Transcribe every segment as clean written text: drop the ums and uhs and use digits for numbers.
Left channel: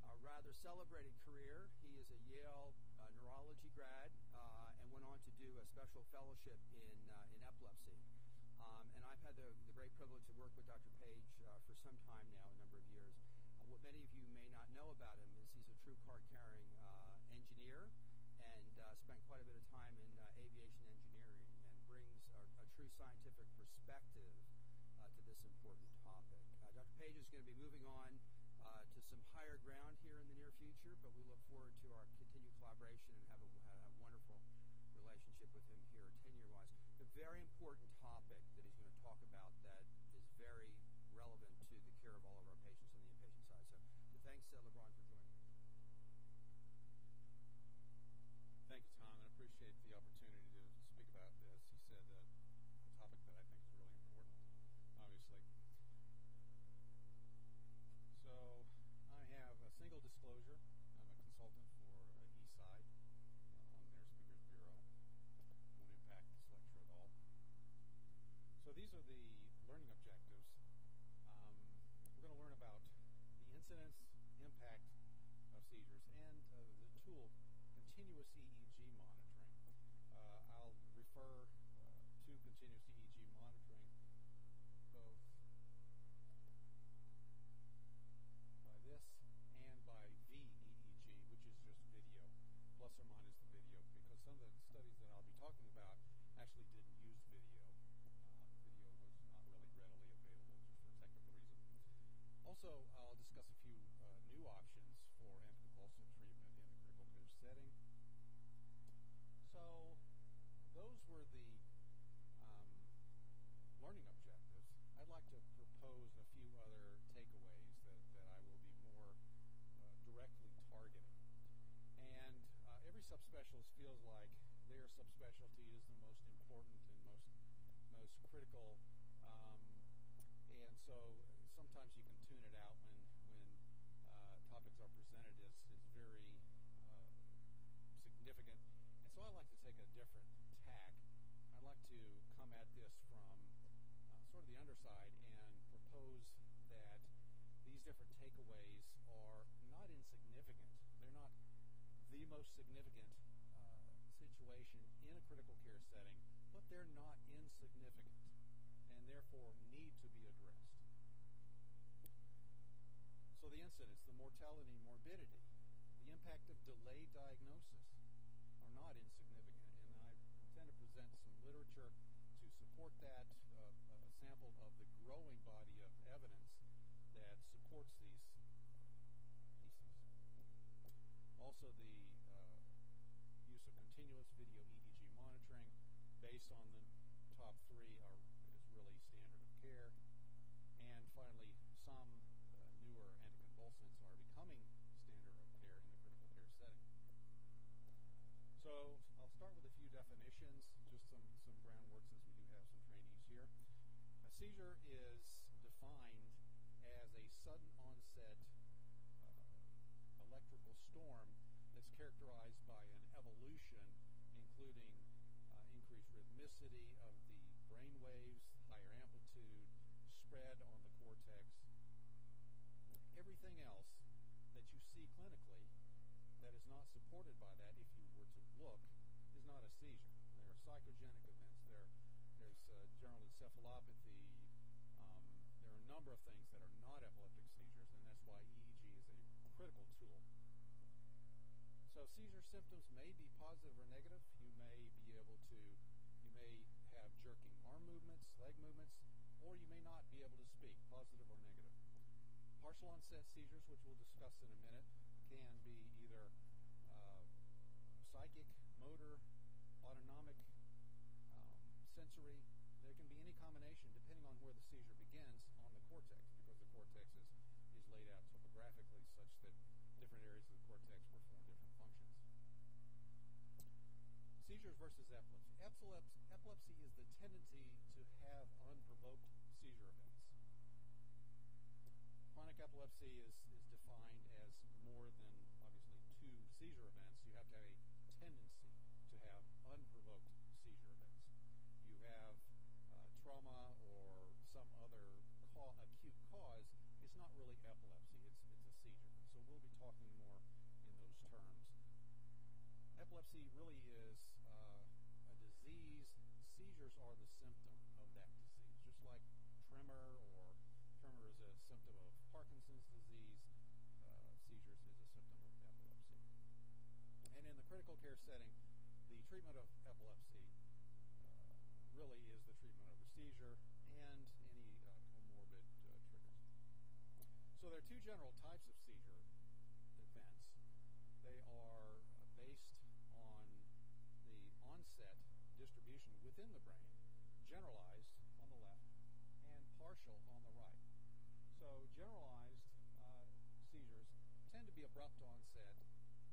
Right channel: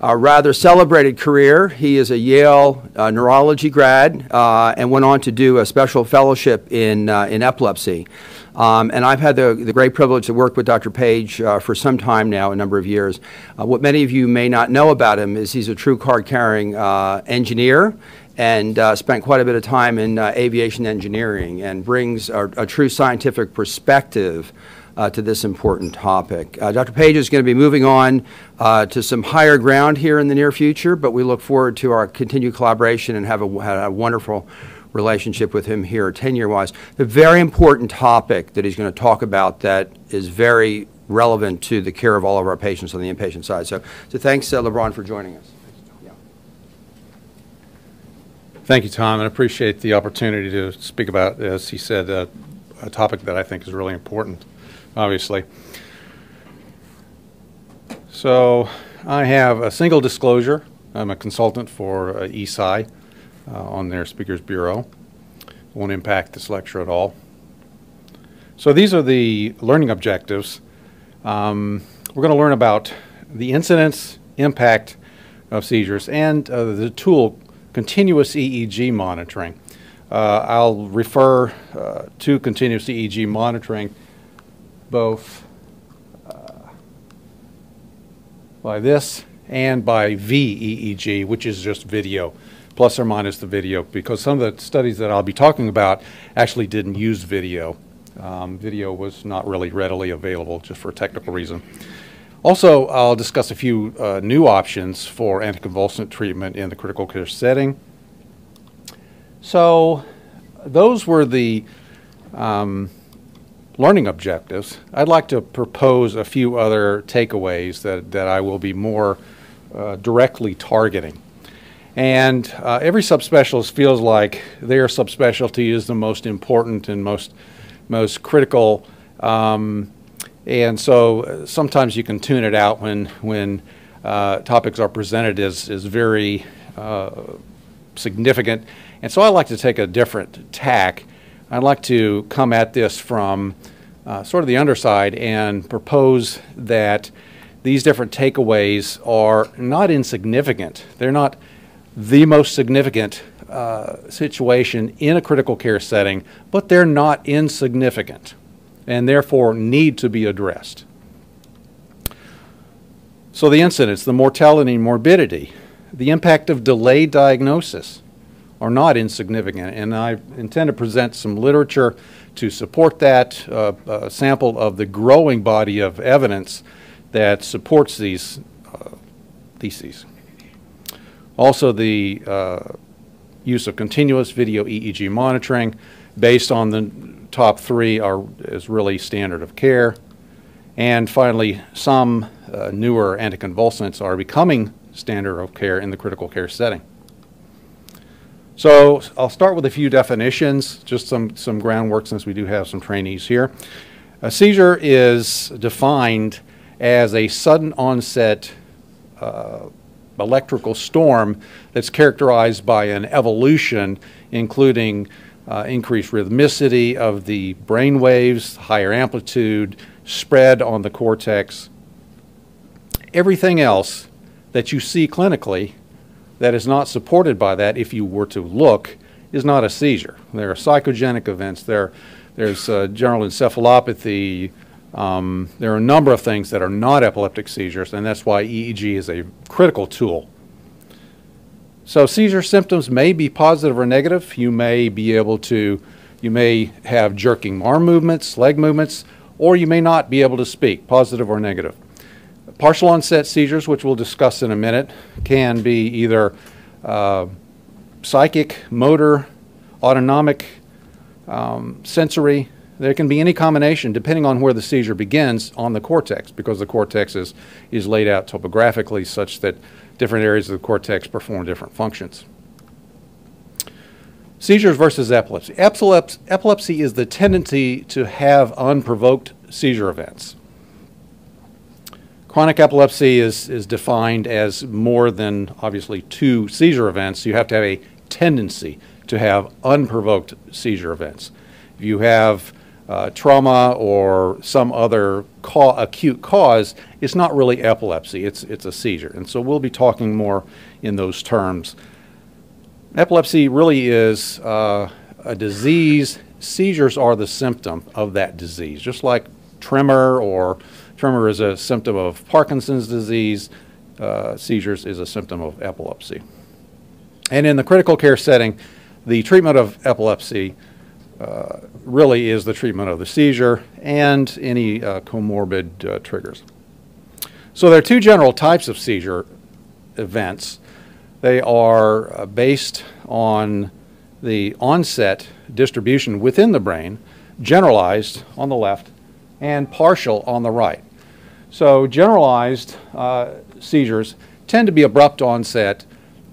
a rather celebrated career. He is a Yale neurology grad and went on to do a special fellowship in epilepsy. And I've had the great privilege to work with Dr. Page for some time now, a number of years. What many of you may not know about him is he's a true card-carrying engineer and spent quite a bit of time in aviation engineering and brings a true scientific perspective to this important topic. Dr. Page is going to be moving on to some higher ground here in the near future, but we look forward to our continued collaboration and have a wonderful relationship with him here tenure-wise. A very important topic that he's going to talk about that is very relevant to the care of all of our patients on the inpatient side. So thanks, LeBron, for joining us. Yeah. Thank you, Tom, and I appreciate the opportunity to speak about, as he said, a topic that I think is really important, obviously. So I have a single disclosure. I'm a consultant for ESI on their Speakers Bureau. Won't impact this lecture at all. So these are the learning objectives. We're going to learn about the incidence, impact of seizures, and the tool, continuous EEG monitoring. I'll refer to continuous EEG monitoring both by this and by VEEG, which is just video, plus or minus the video, because some of the studies that I'll be talking about actually didn't use video. Video was not really readily available, just for a technical reason. Also, I'll discuss a few new options for anticonvulsant treatment in the critical care setting. So those were the learning objectives. I'd like to propose a few other takeaways that I will be more directly targeting. And every subspecialist feels like their subspecialty is the most important and most critical. And so sometimes you can tune it out when topics are presented as very significant. And so I like to take a different tack. I'd like to come at this from sort of the underside and propose that these different takeaways are not insignificant. They're not the most significant situation in a critical care setting, but they're not insignificant and therefore need to be addressed. So the incidence, the mortality and morbidity, the impact of delayed diagnosis are not insignificant, and I intend to present some literature to support that, a sample of the growing body of evidence that supports these theses. Also, the use of continuous video EEG monitoring based on the top three is really standard of care. And finally, some newer anticonvulsants are becoming standard of care in the critical care setting. So I'll start with a few definitions, just some groundwork since we do have some trainees here. A seizure is defined as a sudden onset electrical storm that's characterized by an evolution including increased rhythmicity of the brain waves, higher amplitude, spread on the cortex. Everything else that you see clinically that is not supported by that, if you were to look, is not a seizure. There are psychogenic events. There's general encephalopathy. There are a number of things that are not epileptic seizures, and that's why EEG is a critical tool. So seizure symptoms may be positive or negative. You may have jerking arm movements, leg movements, or you may not be able to speak, positive or negative. Partial onset seizures, which we'll discuss in a minute, can be either psychic, motor, autonomic, sensory. There can be any combination depending on where the seizure begins on the cortex, because the cortex is laid out topographically such that different areas of the cortex perform different functions. Seizures versus epilepsy. Epilepsy is the tendency to have unprovoked seizure events. Chronic epilepsy is defined as more than, obviously, 2 seizure events. You have to have a tendency to have unprovoked seizure events. If you have trauma or some other acute cause, it's not really epilepsy, it's a seizure. And so we'll be talking more in those terms. Epilepsy really is a disease. Seizures are the symptom of that disease, just like tremor is a symptom of Parkinson's disease. Seizures is a symptom of epilepsy. And in the critical care setting, the treatment of epilepsy really is the treatment of the seizure and any comorbid triggers. So there are two general types of seizure events. They are based on the onset distribution within the brain, generalized on the left and partial on the right. So generalized seizures tend to be abrupt onset,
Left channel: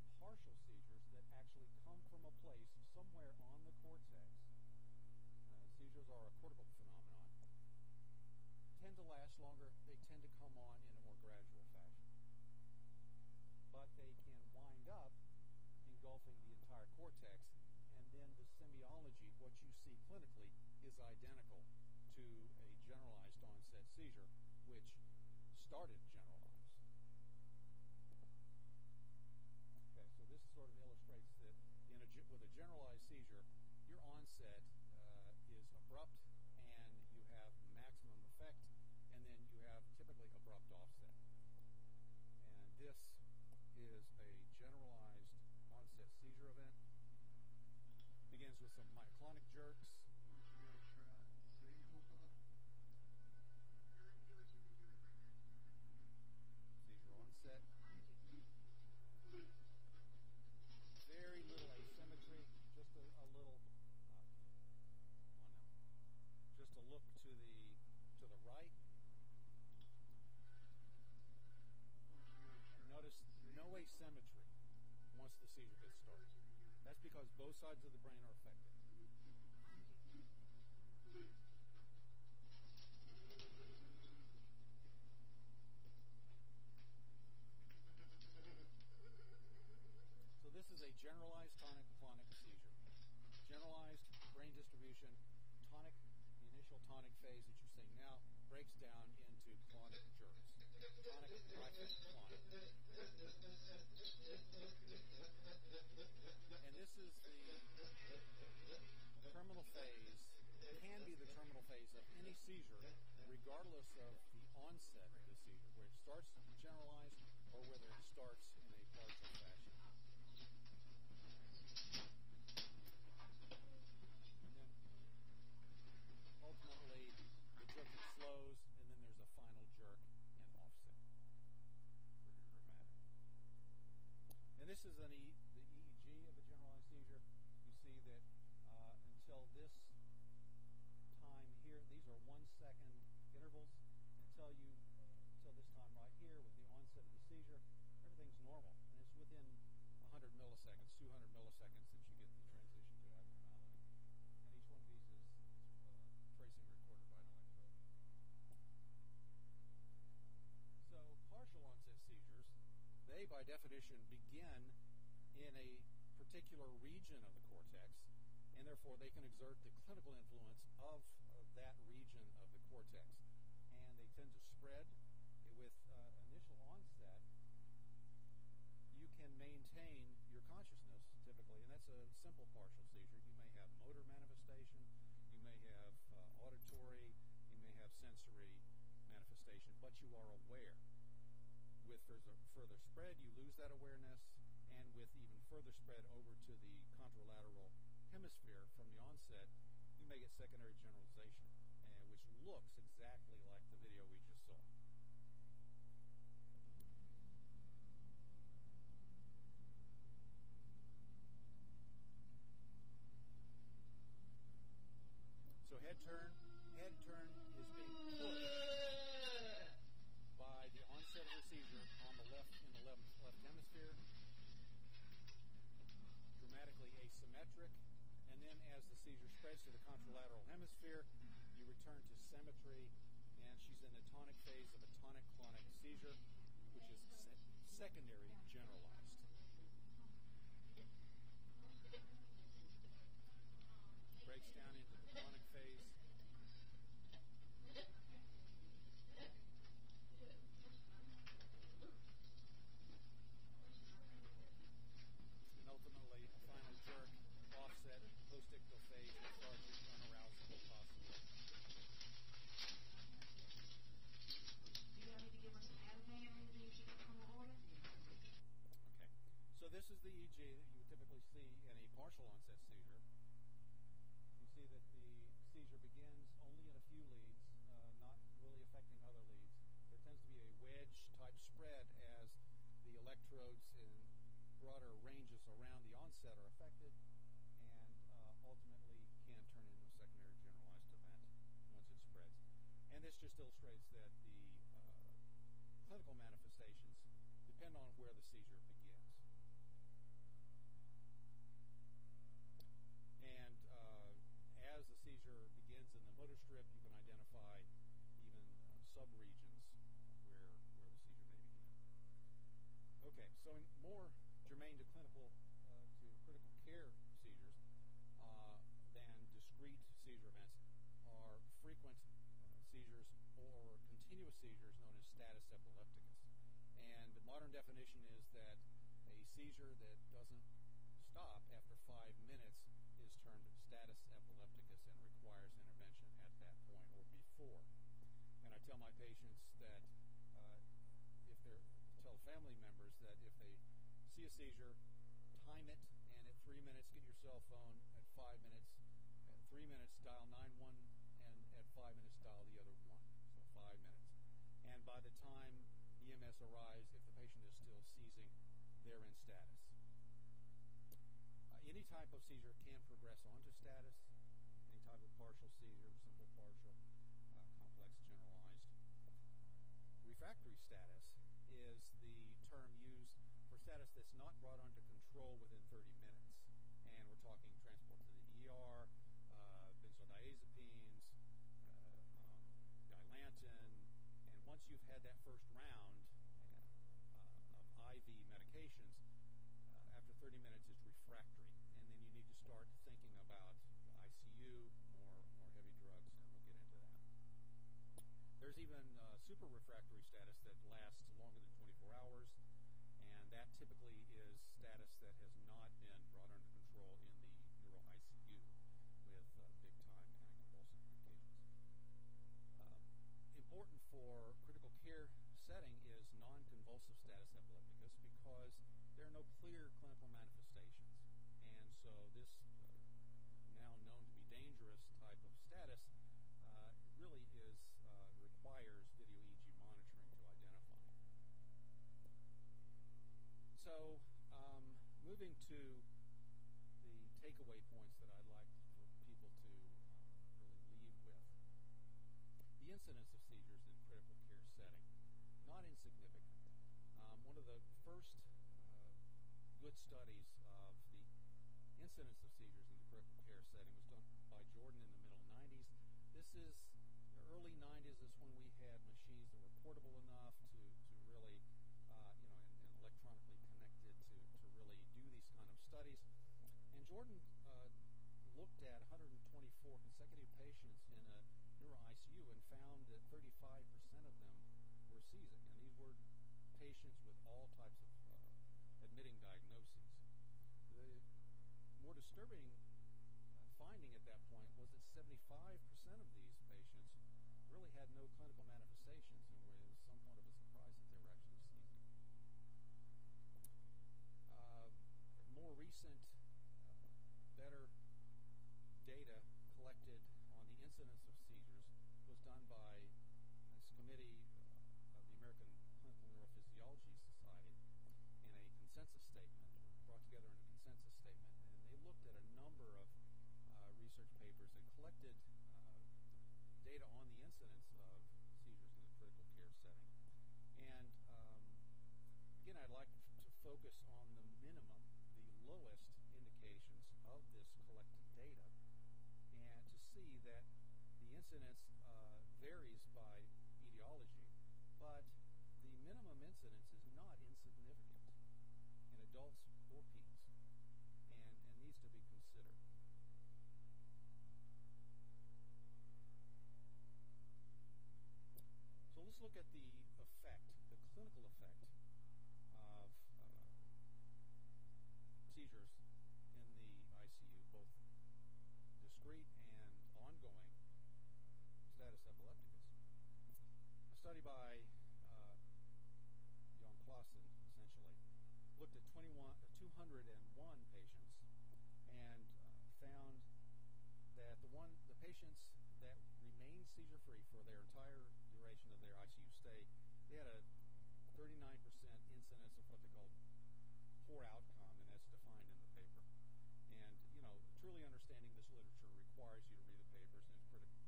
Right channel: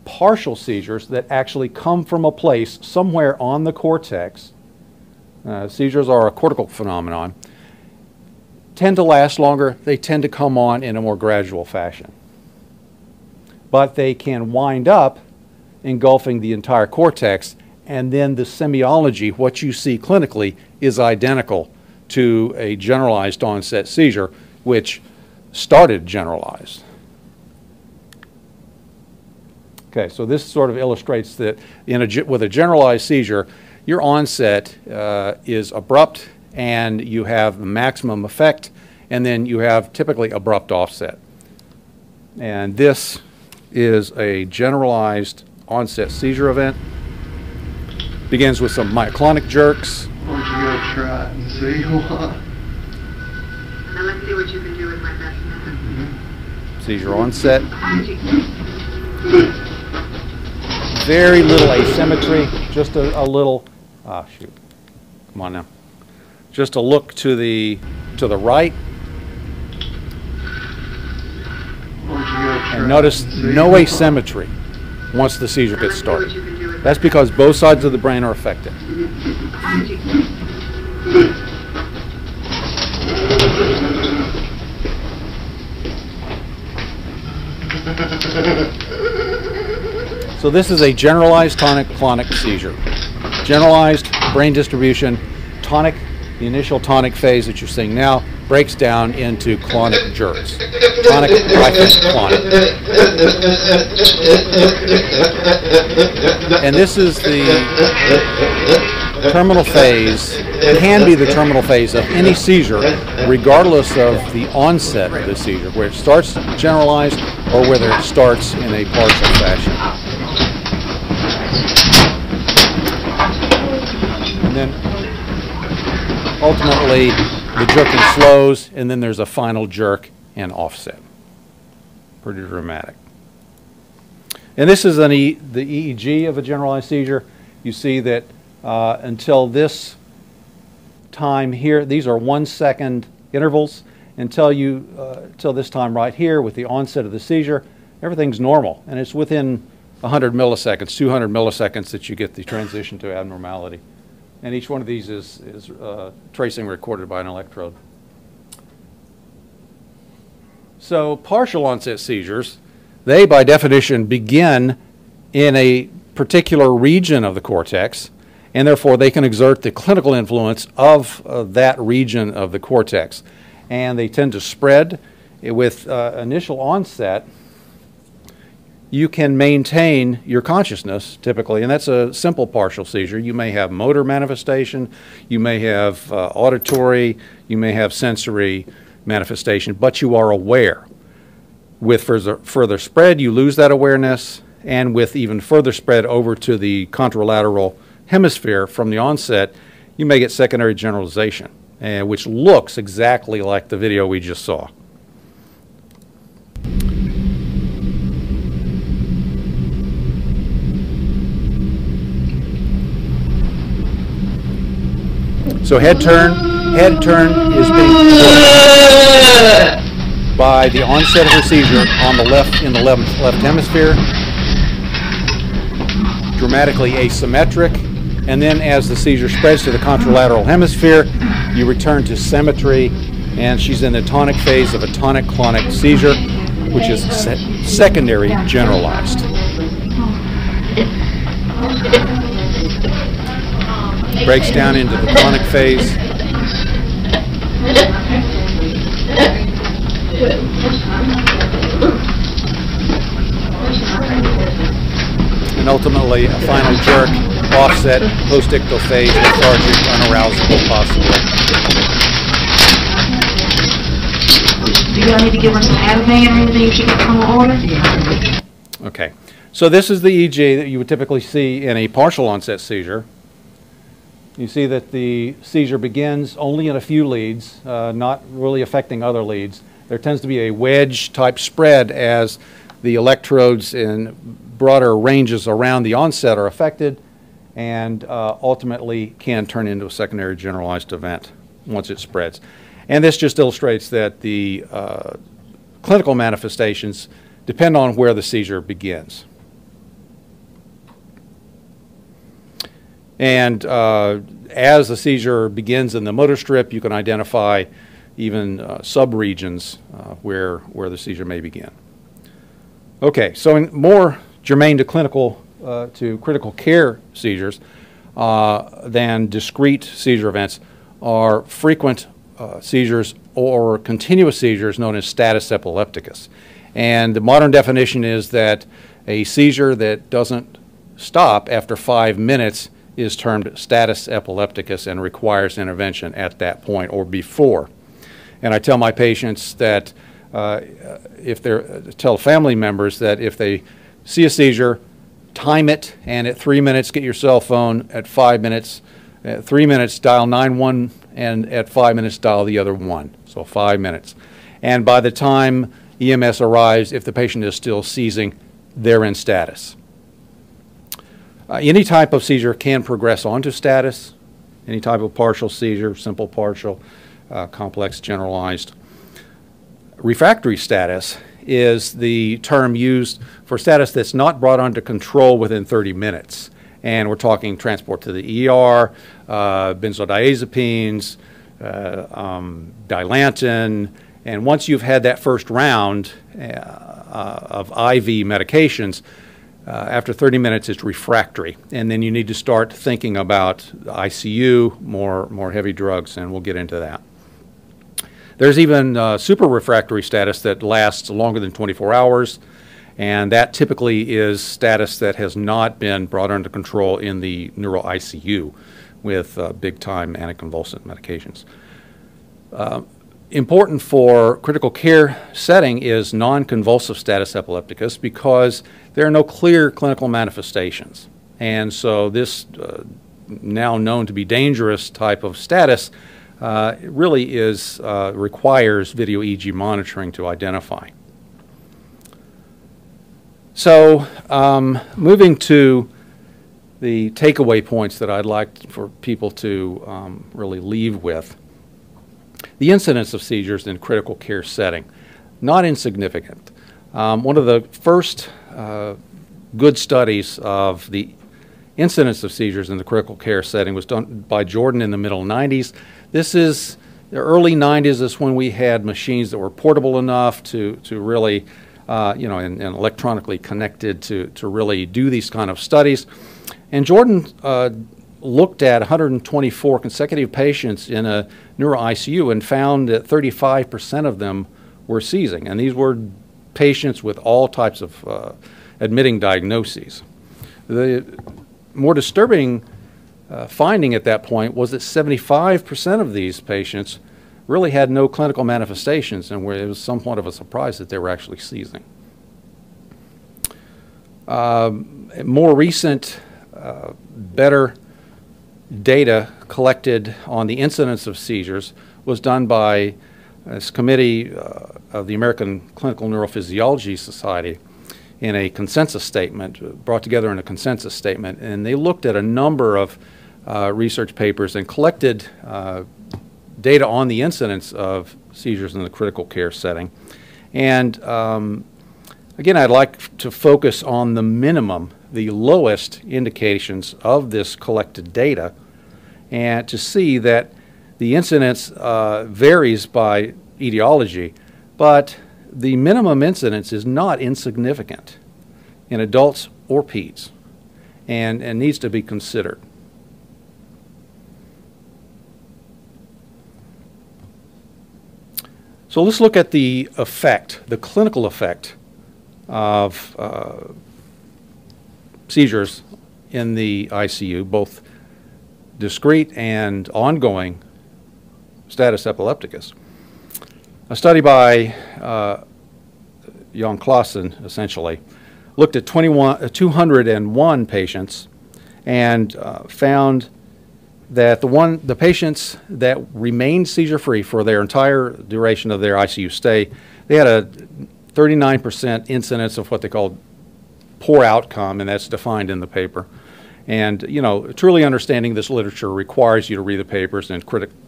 partial seizures that actually come from a place somewhere on the cortex. Seizures are a cortical phenomenon, tend to last longer. They tend to come on in a more gradual fashion. But they can wind up engulfing the entire cortex, and then the semiology, what you see clinically, is identical to a generalized onset seizure, which started generalized. Okay, so this sort of illustrates that with a generalized seizure, your onset is abrupt and you have the maximum effect, and then you have typically abrupt offset. And this is a generalized onset seizure event. Begins with some myoclonic jerks. Why don't you go try it and see what? Now let's see what you can do with my best method. Seizure onset. Very little asymmetry, just a little, shoot, come on now. Just a look to the right. And notice no asymmetry once the seizure gets started. That's because both sides of the brain are affected. So this is a generalized tonic-clonic seizure. Generalized brain distribution, tonic, the initial tonic phase that you're seeing now, breaks down into clonic jerks. Tonic, clonic. And this is the terminal phase. It can be the terminal phase of any seizure, regardless of the onset of the seizure, where it starts generalized or whether it starts in a partial fashion. And then ultimately the jerking slows, and then there's a final jerk and offset. Pretty dramatic. And this is the EEG of a generalized seizure. You see that until this time here, these are 1 second intervals, until this time right here with the onset of the seizure, everything's normal, and it's within 100 milliseconds, 200 milliseconds that you get the transition to abnormality. And each one of these is tracing recorded by an electrode. So partial onset seizures, they by definition begin in a particular region of the cortex, and therefore they can exert the clinical influence of that region of the cortex. And they tend to spread. With initial onset, you can maintain your consciousness typically, and that's a simple partial seizure. You may have motor manifestation, you may have auditory, you may have sensory manifestation, but you are aware. With further spread, you lose that awareness, and with even further spread over to the contralateral hemisphere from the onset, you may get secondary generalization, which looks exactly like the video we just saw. So head turn is being recorded by the onset of the seizure on the left, in the left hemisphere, dramatically asymmetric, and then as the seizure spreads to the contralateral hemisphere, you return to symmetry, and she's in the tonic phase of a tonic-clonic seizure, which is secondary generalized. Breaks down into the clonic phase, And ultimately, a final jerk, offset, post-ictal phase, lethargic, unarousable possibly. Do y'all need to give her some Ativan or anything she can come on order? Okay, so this is the EEG that you would typically see in a partial onset seizure. You see that the seizure begins only in a few leads, not really affecting other leads. There tends to be a wedge type spread as the electrodes in broader ranges around the onset are affected, and ultimately can turn into a secondary generalized event once it spreads. And this just illustrates that the clinical manifestations depend on where the seizure begins. And as the seizure begins in the motor strip, you can identify even subregions where the seizure may begin. Okay, so more germane to critical care seizures than discrete seizure events are frequent seizures or continuous seizures known as status epilepticus. And the modern definition is that a seizure that doesn't stop after 5 minutes is termed status epilepticus and requires intervention at that point or before. And I tell my patients that tell family members that if they see a seizure, time it, and at 3 minutes get your cell phone, at 5 minutes, at 3 minutes dial 911, and at 5 minutes dial the other one, so 5 minutes. And by the time EMS arrives, if the patient is still seizing, they're in status. Any type of seizure can progress onto status, any type of partial seizure, simple partial, complex generalized. Refractory status is the term used for status that's not brought under control within 30 minutes. And we're talking transport to the ER, benzodiazepines, Dilantin, and once you've had that first round of IV medications, after 30 minutes it's refractory, and then you need to start thinking about ICU, more heavy drugs, and we'll get into that. There's even super refractory status that lasts longer than 24 hours, and that typically is status that has not been brought under control in the neuro ICU with big-time anticonvulsant medications. Important for critical care setting is non-convulsive status epilepticus because there are no clear clinical manifestations. And so this now known to be dangerous type of status really requires video EEG monitoring to identify. So moving to the takeaway points that I'd like for people to really leave with. The incidence of seizures in critical care setting, not insignificant. One of the first good studies of the incidence of seizures in the critical care setting was done by Jordan in the middle 90s. This is the early 90s is when we had machines that were portable enough to really, and electronically connected to really do these kind of studies. And Jordan looked at 124 consecutive patients in a neuro ICU and found that 35% of them were seizing. And these were patients with all types of admitting diagnoses. The more disturbing finding at that point was that 75% of these patients really had no clinical manifestations, and it was somewhat of a surprise that they were actually seizing. More recent, better data collected on the incidence of seizures was done by this committee of the American Clinical Neurophysiology Society in a consensus statement, brought together in a consensus statement, and they looked at a number of research papers and collected data on the incidence of seizures in the critical care setting. And again, I'd like to focus on the minimum, the lowest indications of this collected data, and to see that the incidence varies by etiology, but the minimum incidence is not insignificant in adults or peds and needs to be considered. So let's look at the effect, the clinical effect of seizures in the ICU, both discrete and ongoing status epilepticus. A study by Jan Claassen, essentially, looked at 201 patients and found that the patients that remained seizure-free for their entire duration of their ICU stay, they had a 39% incidence of what they called poor outcome, and that's defined in the paper. And, you know, truly understanding this literature requires you to read the papers and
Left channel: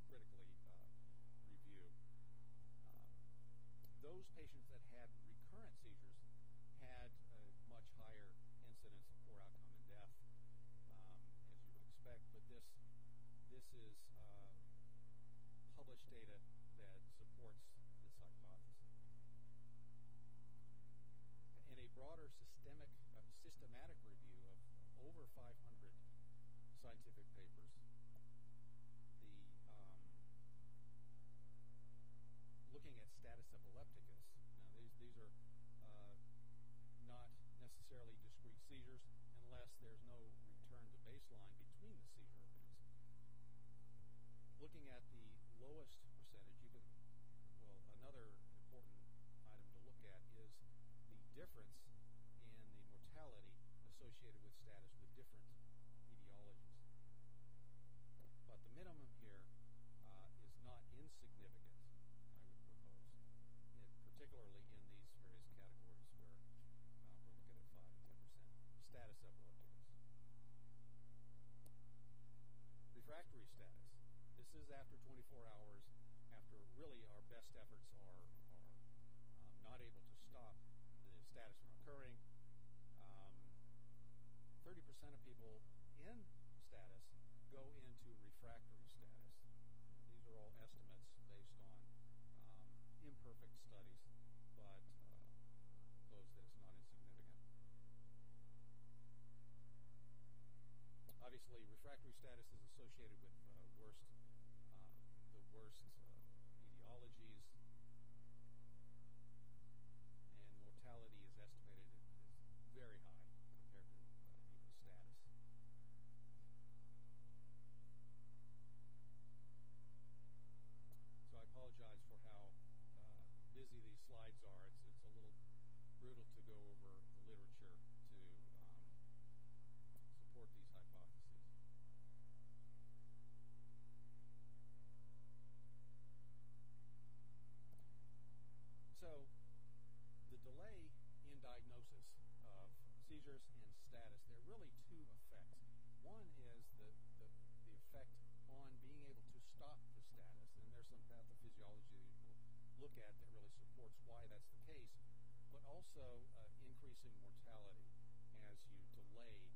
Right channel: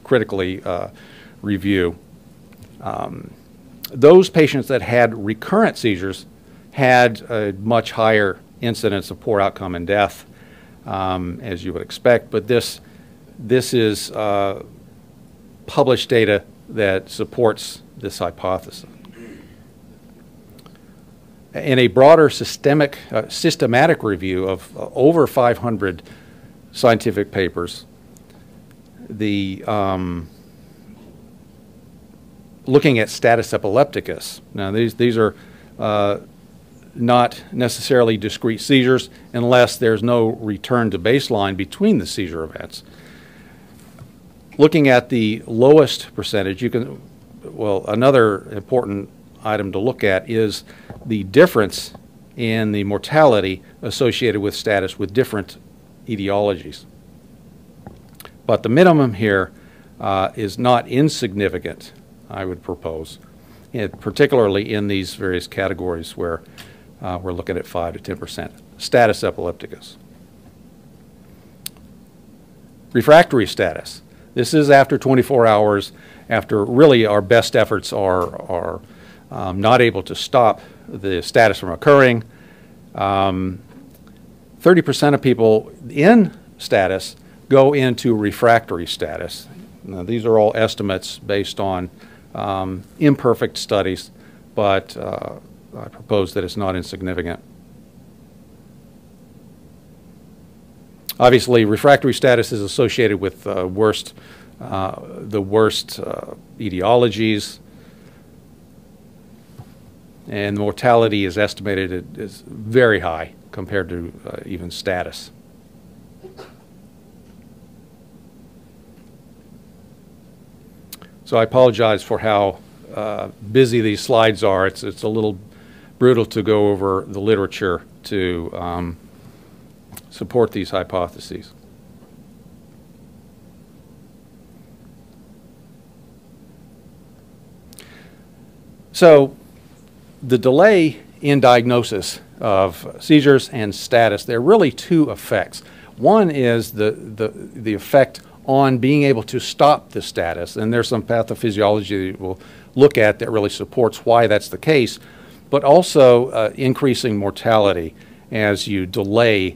critically review. Those patients that had recurrent seizures had a much higher incidence of poor outcome and death, as you would expect. But this is published data that supports this hypothesis. In a broader systematic review of over 500 scientific papers, looking at status epilepticus. Now, these are not necessarily discrete seizures unless there's no return to baseline between the seizure events. Looking at the lowest percentage, another important item to look at is the difference in the mortality associated with status with different etiologies. But the minimum here is not insignificant, I would propose, particularly in these various categories where we're looking at 5 to 10%. Status epilepticus. Refractory status. This is after 24 hours, after really our best efforts are not able to stop the status from occurring. 30% of people in status go into refractory status. Now, these are all estimates based on imperfect studies, but I propose that it's not insignificant. Obviously, refractory status is associated with the worst etiologies, and the mortality is estimated is very high compared to even status. So I apologize for how busy these slides are. It's a little brutal to go over the literature to support these hypotheses. So the delay in diagnosis of seizures and status, there are really two effects. One is the effect on being able to stop the status, and there's some pathophysiology that we'll look at that really supports why that's the case, but also increasing mortality as you delay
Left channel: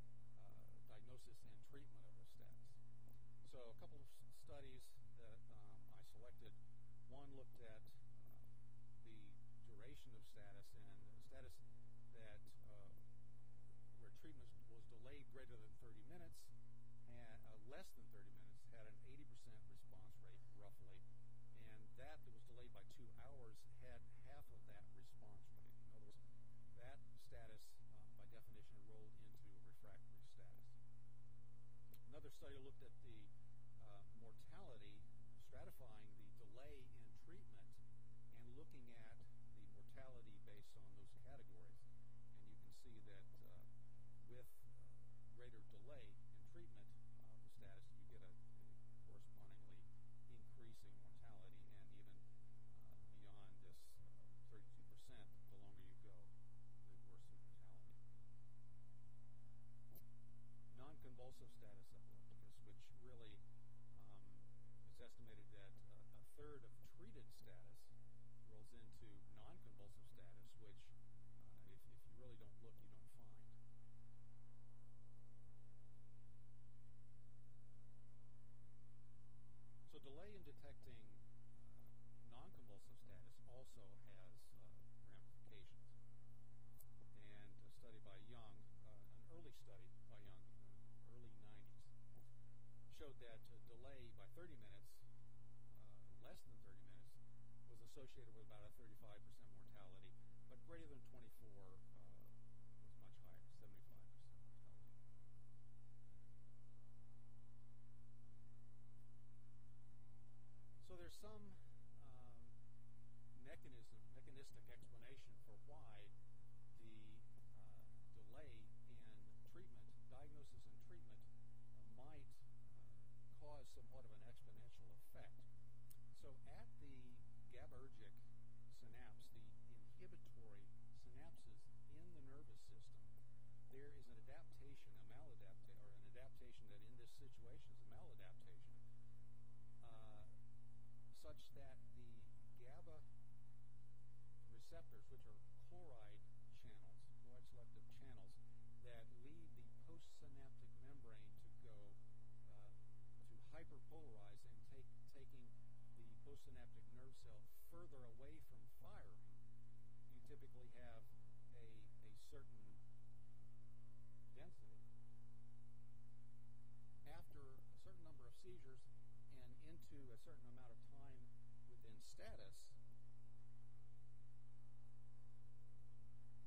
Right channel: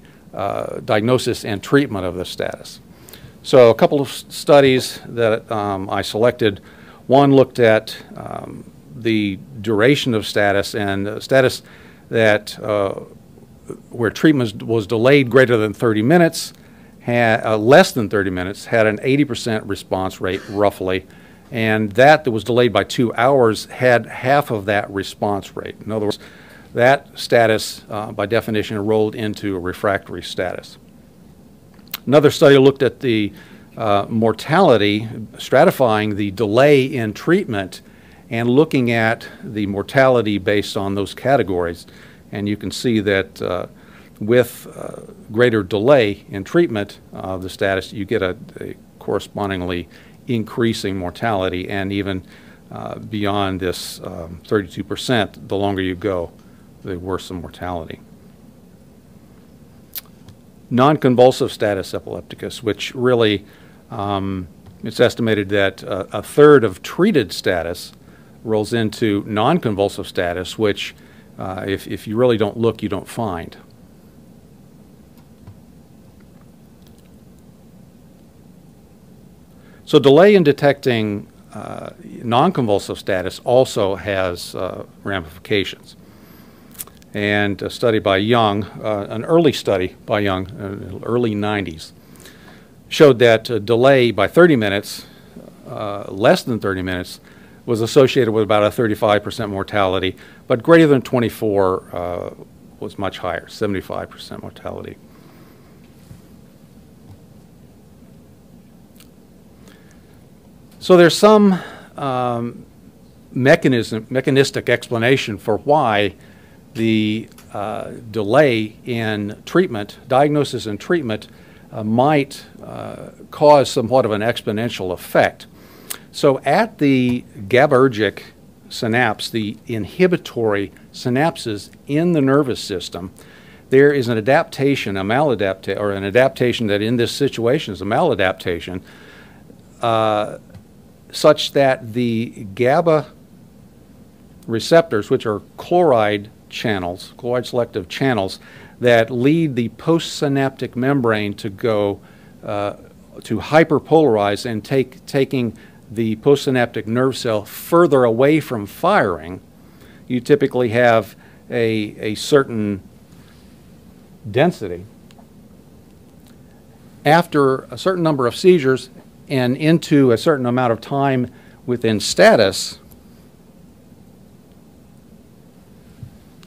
diagnosis and treatment of the status. So a couple of studies that I selected. One looked at the duration of status, and status that where treatment was delayed greater than 30 minutes, less than 30 minutes, had an 80% response rate roughly, and that was delayed by 2 hours had half of that response rate. In other words, that status by definition rolled into a refractory status. Another study looked at the mortality, stratifying the delay in treatment and looking at the mortality based on those categories. And you can see that with greater delay in treatment of the status, you get a correspondingly increasing mortality, and even beyond this 32%, the longer you go, the worse the mortality. Non-convulsive status epilepticus, which really, it's estimated that a third of treated status rolls into non-convulsive status, which if you really don't look, you don't find. So delay in detecting non-convulsive status also has ramifications. And a study by Young, an early study by Young, early 90s, showed that delay by 30 minutes, less than 30 minutes, was associated with about a 35% mortality, but greater than 24 was much higher, 75% mortality. So there's some mechanistic explanation for why the delay in treatment, diagnosis and treatment, might cause somewhat of an exponential effect. So at the GABAergic synapse, the inhibitory synapses in the nervous system, there is an adaptation, an adaptation that in this situation is a maladaptation, such that the GABA receptors, which are chloride channels, chloride selective channels, that lead the postsynaptic membrane to go to hyperpolarize and taking the postsynaptic nerve cell further away from firing. You typically have a certain density. After a certain number of seizures and into a certain amount of time within status,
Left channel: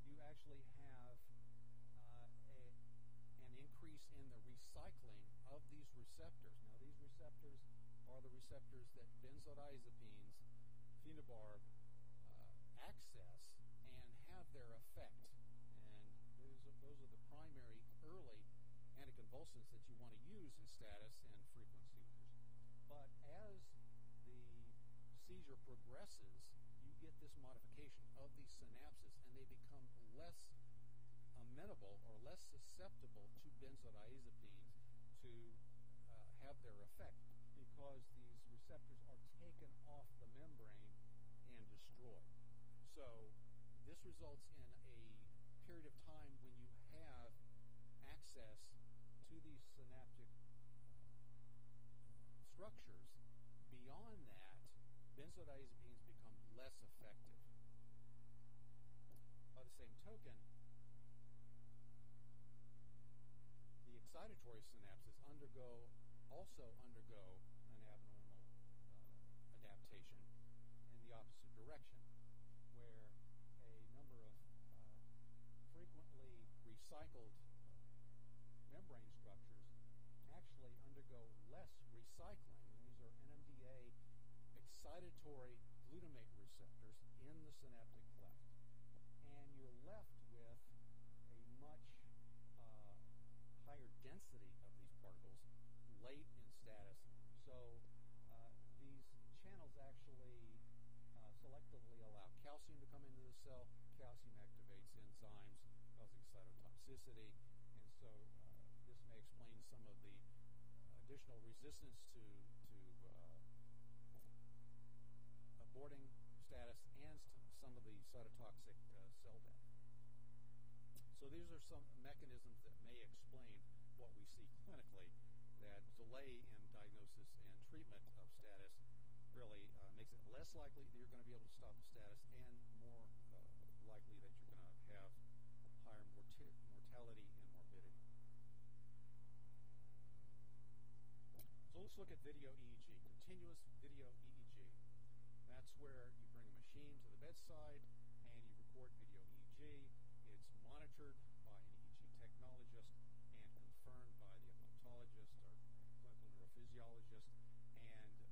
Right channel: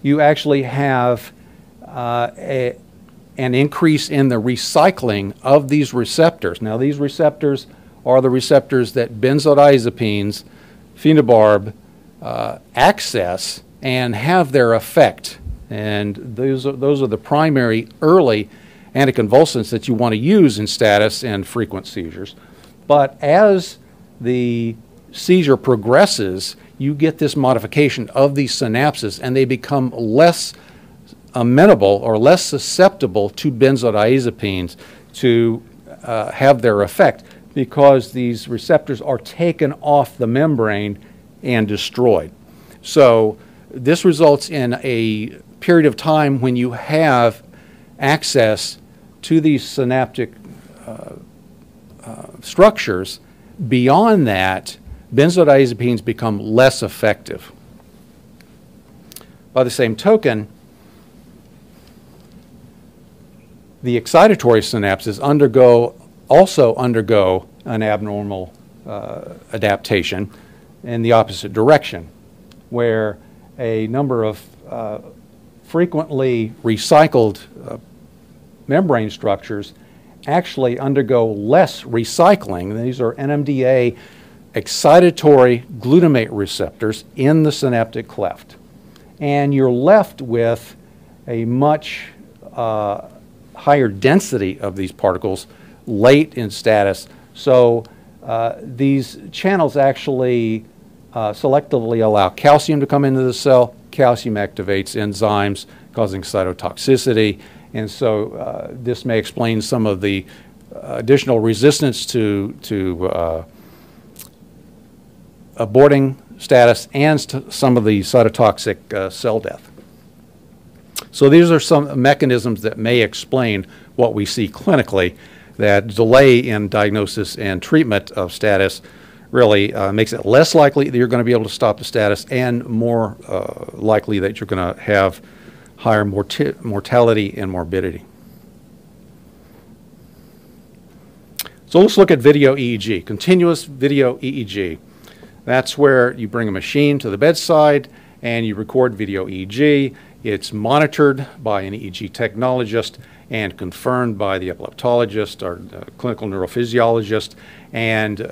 you actually have an increase in the recycling of these receptors. Now, these receptors are the receptors that benzodiazepines, phenobarb, access and have their effect. And those are the primary early anticonvulsants that you want to use in status and frequent seizures. But as the seizure progresses, you get this modification of these synapses, and they become less amenable or less susceptible to benzodiazepines to have their effect, because these receptors are taken off the membrane and destroyed. So this results in a period of time when you have access to these synaptic structures. Beyond that, benzodiazepines become less effective. By the same token, the excitatory synapses also undergo an abnormal adaptation in the opposite direction, where a number of frequently recycled membrane structures actually undergo less recycling. These are NMDA excitatory glutamate receptors in the synaptic cleft. And you're left with a much higher density of these particles late in status. So these channels actually selectively allow calcium to come into the cell. Calcium activates enzymes, causing cytotoxicity. And so this may explain some of the additional resistance to aborting status and some of the cytotoxic cell death. So these are some mechanisms that may explain what we see clinically, that delay in diagnosis and treatment of status really makes it less likely that you're going to be able to stop the status, and more likely that you're going to have higher mortality and morbidity. So let's look at video EEG, continuous video EEG. That's where you bring a machine to the bedside and you record video EEG. It's monitored by an EEG technologist and confirmed by the epileptologist or clinical neurophysiologist, and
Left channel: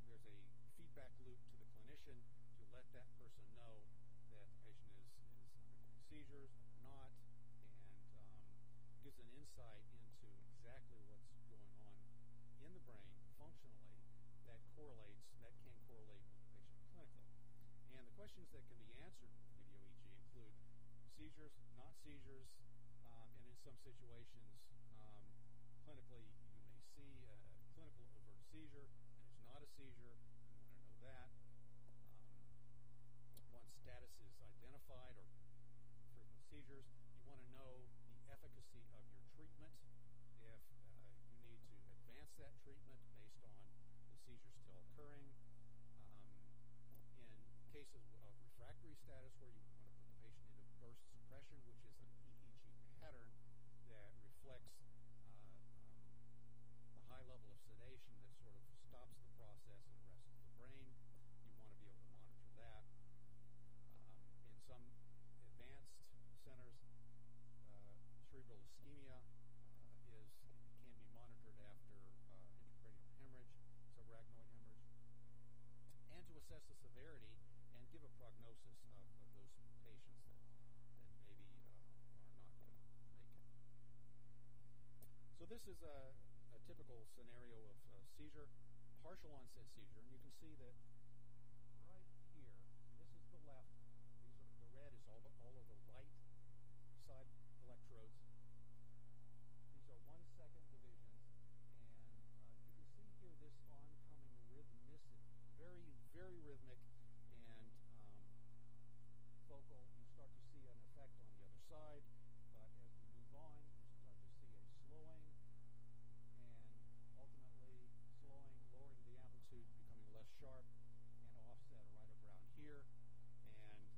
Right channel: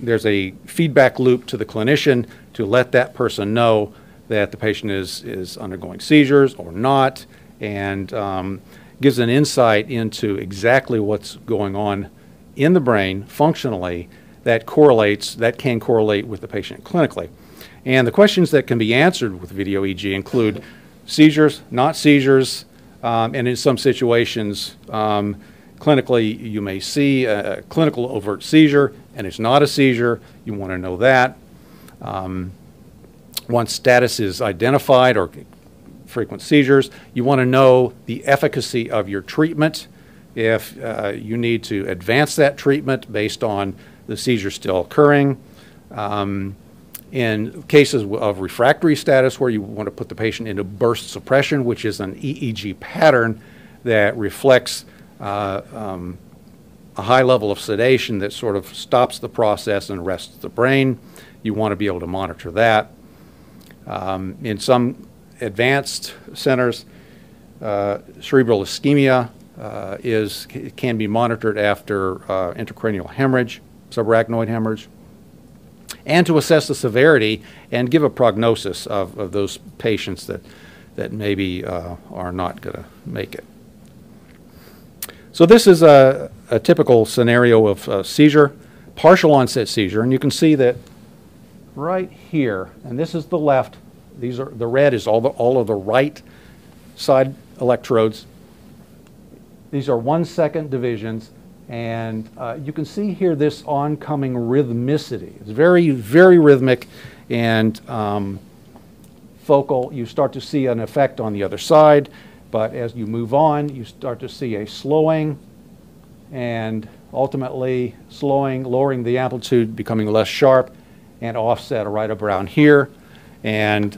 there's a feedback loop to the clinician to let that person know that the patient is undergoing seizures or not, and gives an insight into exactly what's going on in the brain functionally that can correlate with the patient clinically. And the questions that can be answered with video EEG include seizures, not seizures, and in some situations, clinically, you may see a clinical overt seizure and it's not a seizure. You want to know that. Once status is identified, or frequent seizures, you want to know the efficacy of your treatment. If you need to advance that treatment based on the seizure still occurring. In cases of refractory status, where you want to put the patient into burst suppression, which is an EEG pattern that reflects a high level of sedation that sort of stops the process and arrests the brain. You want to be able to monitor that. In some advanced centers, cerebral ischemia can be monitored after intracranial hemorrhage, subarachnoid hemorrhage, and to assess the severity and give a prognosis of those patients that maybe are not going to make it. So this is a typical scenario of seizure, partial onset seizure, and you can see that right here, and this is the left, the red is all of the right side electrodes. These are 1 second divisions, and you can see here this oncoming rhythmicity. It's very, very rhythmic and focal. You start to see an effect on the other side, but as you move on, you start to see a slowing and ultimately slowing, lowering the amplitude, becoming less sharp, and offset right around here. And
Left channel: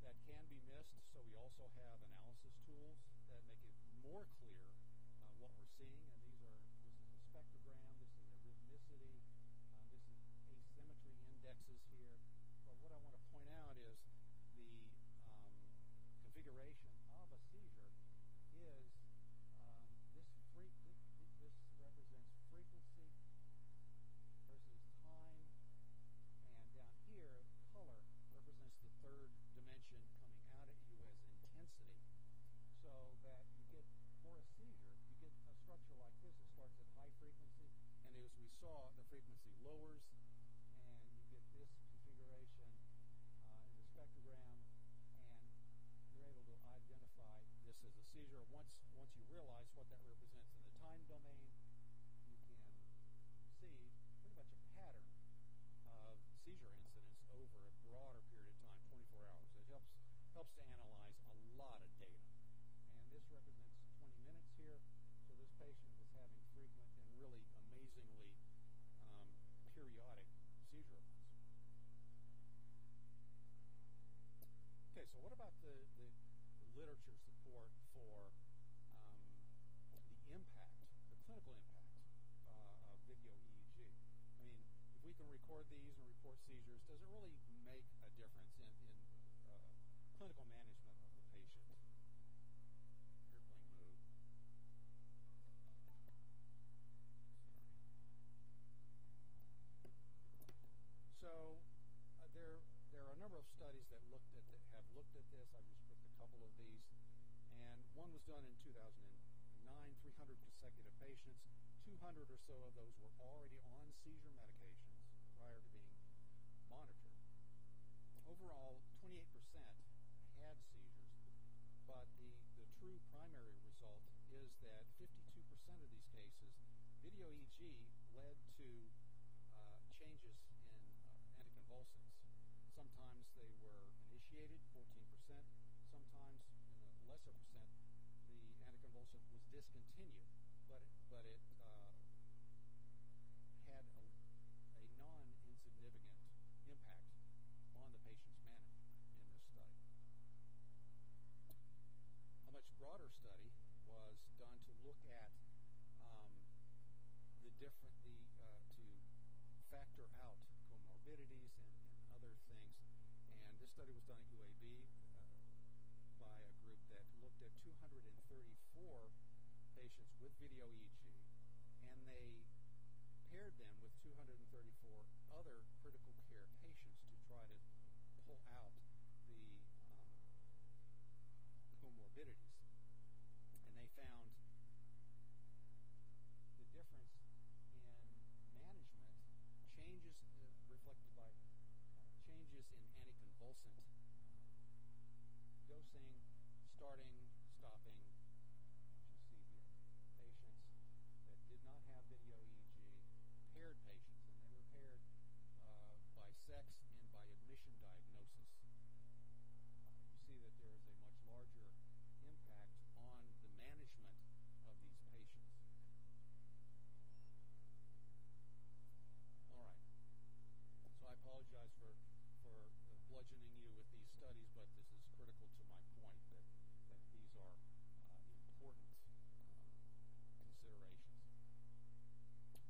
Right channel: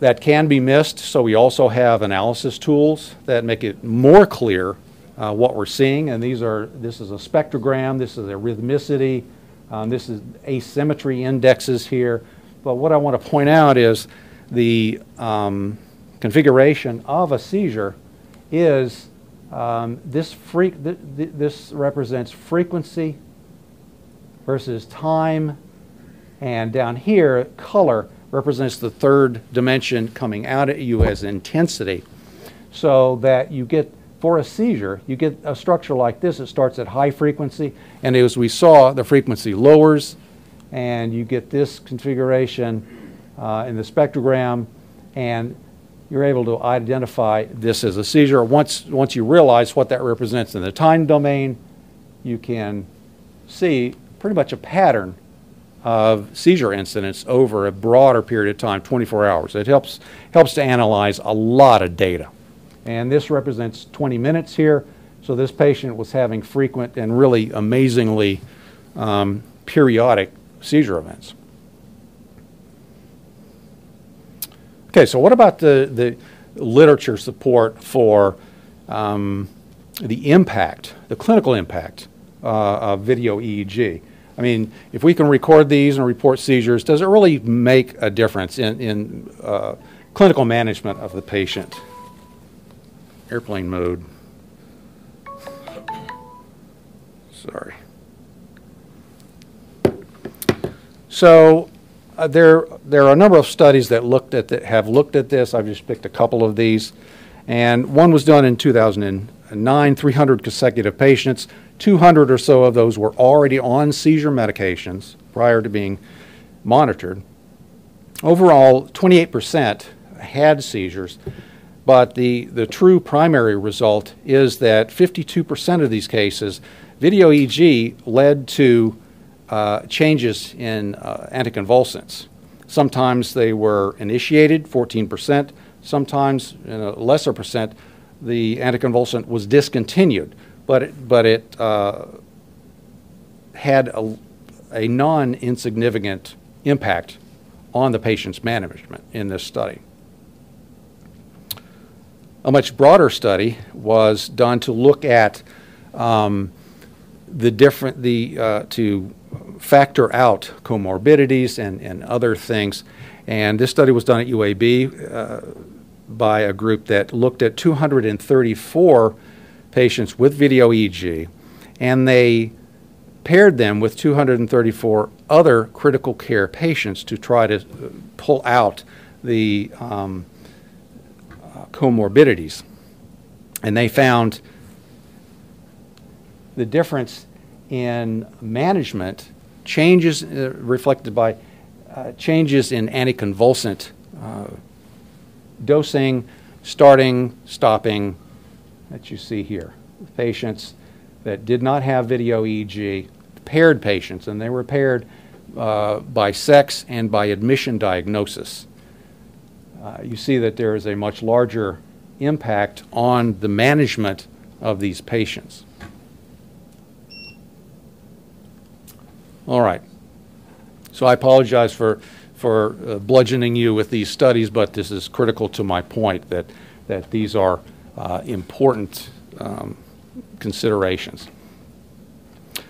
that can be missed, so we also have analysis tools that make it more clear what we're seeing. And this is a spectrogram, this is a rhythmicity, this is asymmetry indexes here. But what I want to point out is the configuration of a seizure is this represents frequency versus time, and down here, color represents the third dimension coming out at you as intensity, so that you get, for a seizure, you get a structure like this. It starts at high frequency, and as we saw, the frequency lowers, and you get this configuration in the spectrogram, and you're able to identify this as a seizure. Once you realize what that represents in the time domain, you can see pretty much a pattern of seizure incidents over a broader period of time, 24 hours. It helps to analyze a lot of data. And this represents 20 minutes here. So this patient was having frequent and really amazingly periodic seizure events. Okay, so what about the literature support for the impact, the clinical impact of video EEG? I mean, if we can record these and report seizures, does it really make a difference in clinical management of the patient? Airplane mode. Sorry. So there are a number of studies that have looked at this. I've just picked a couple of these. And one was done in 2009, 300 consecutive patients. 200 or so of those were already on seizure medications prior to being monitored. Overall, 28% had seizures, but the true primary result is that 52% of these cases, video EEG led to changes in anticonvulsants. Sometimes they were initiated, 14%. Sometimes, in a lesser percent, the anticonvulsant was discontinued. But it had a non-insignificant impact on the patient's management in this study. A much broader study was done to look at to factor out comorbidities and other things. And this study was done at UAB by a group that looked at 234 patients with video EEG, and they paired them with 234 other critical care patients to try to pull out the comorbidities. And they found the difference in management, changes reflected by changes in anticonvulsant dosing, starting, stopping, that you see here. Patients that did not have video EEG, paired patients, and they were paired by sex and by admission diagnosis. You see that there is a much larger impact on the management of these patients. All right. So I apologize for bludgeoning you with these studies, but this is critical to my point that these are important considerations.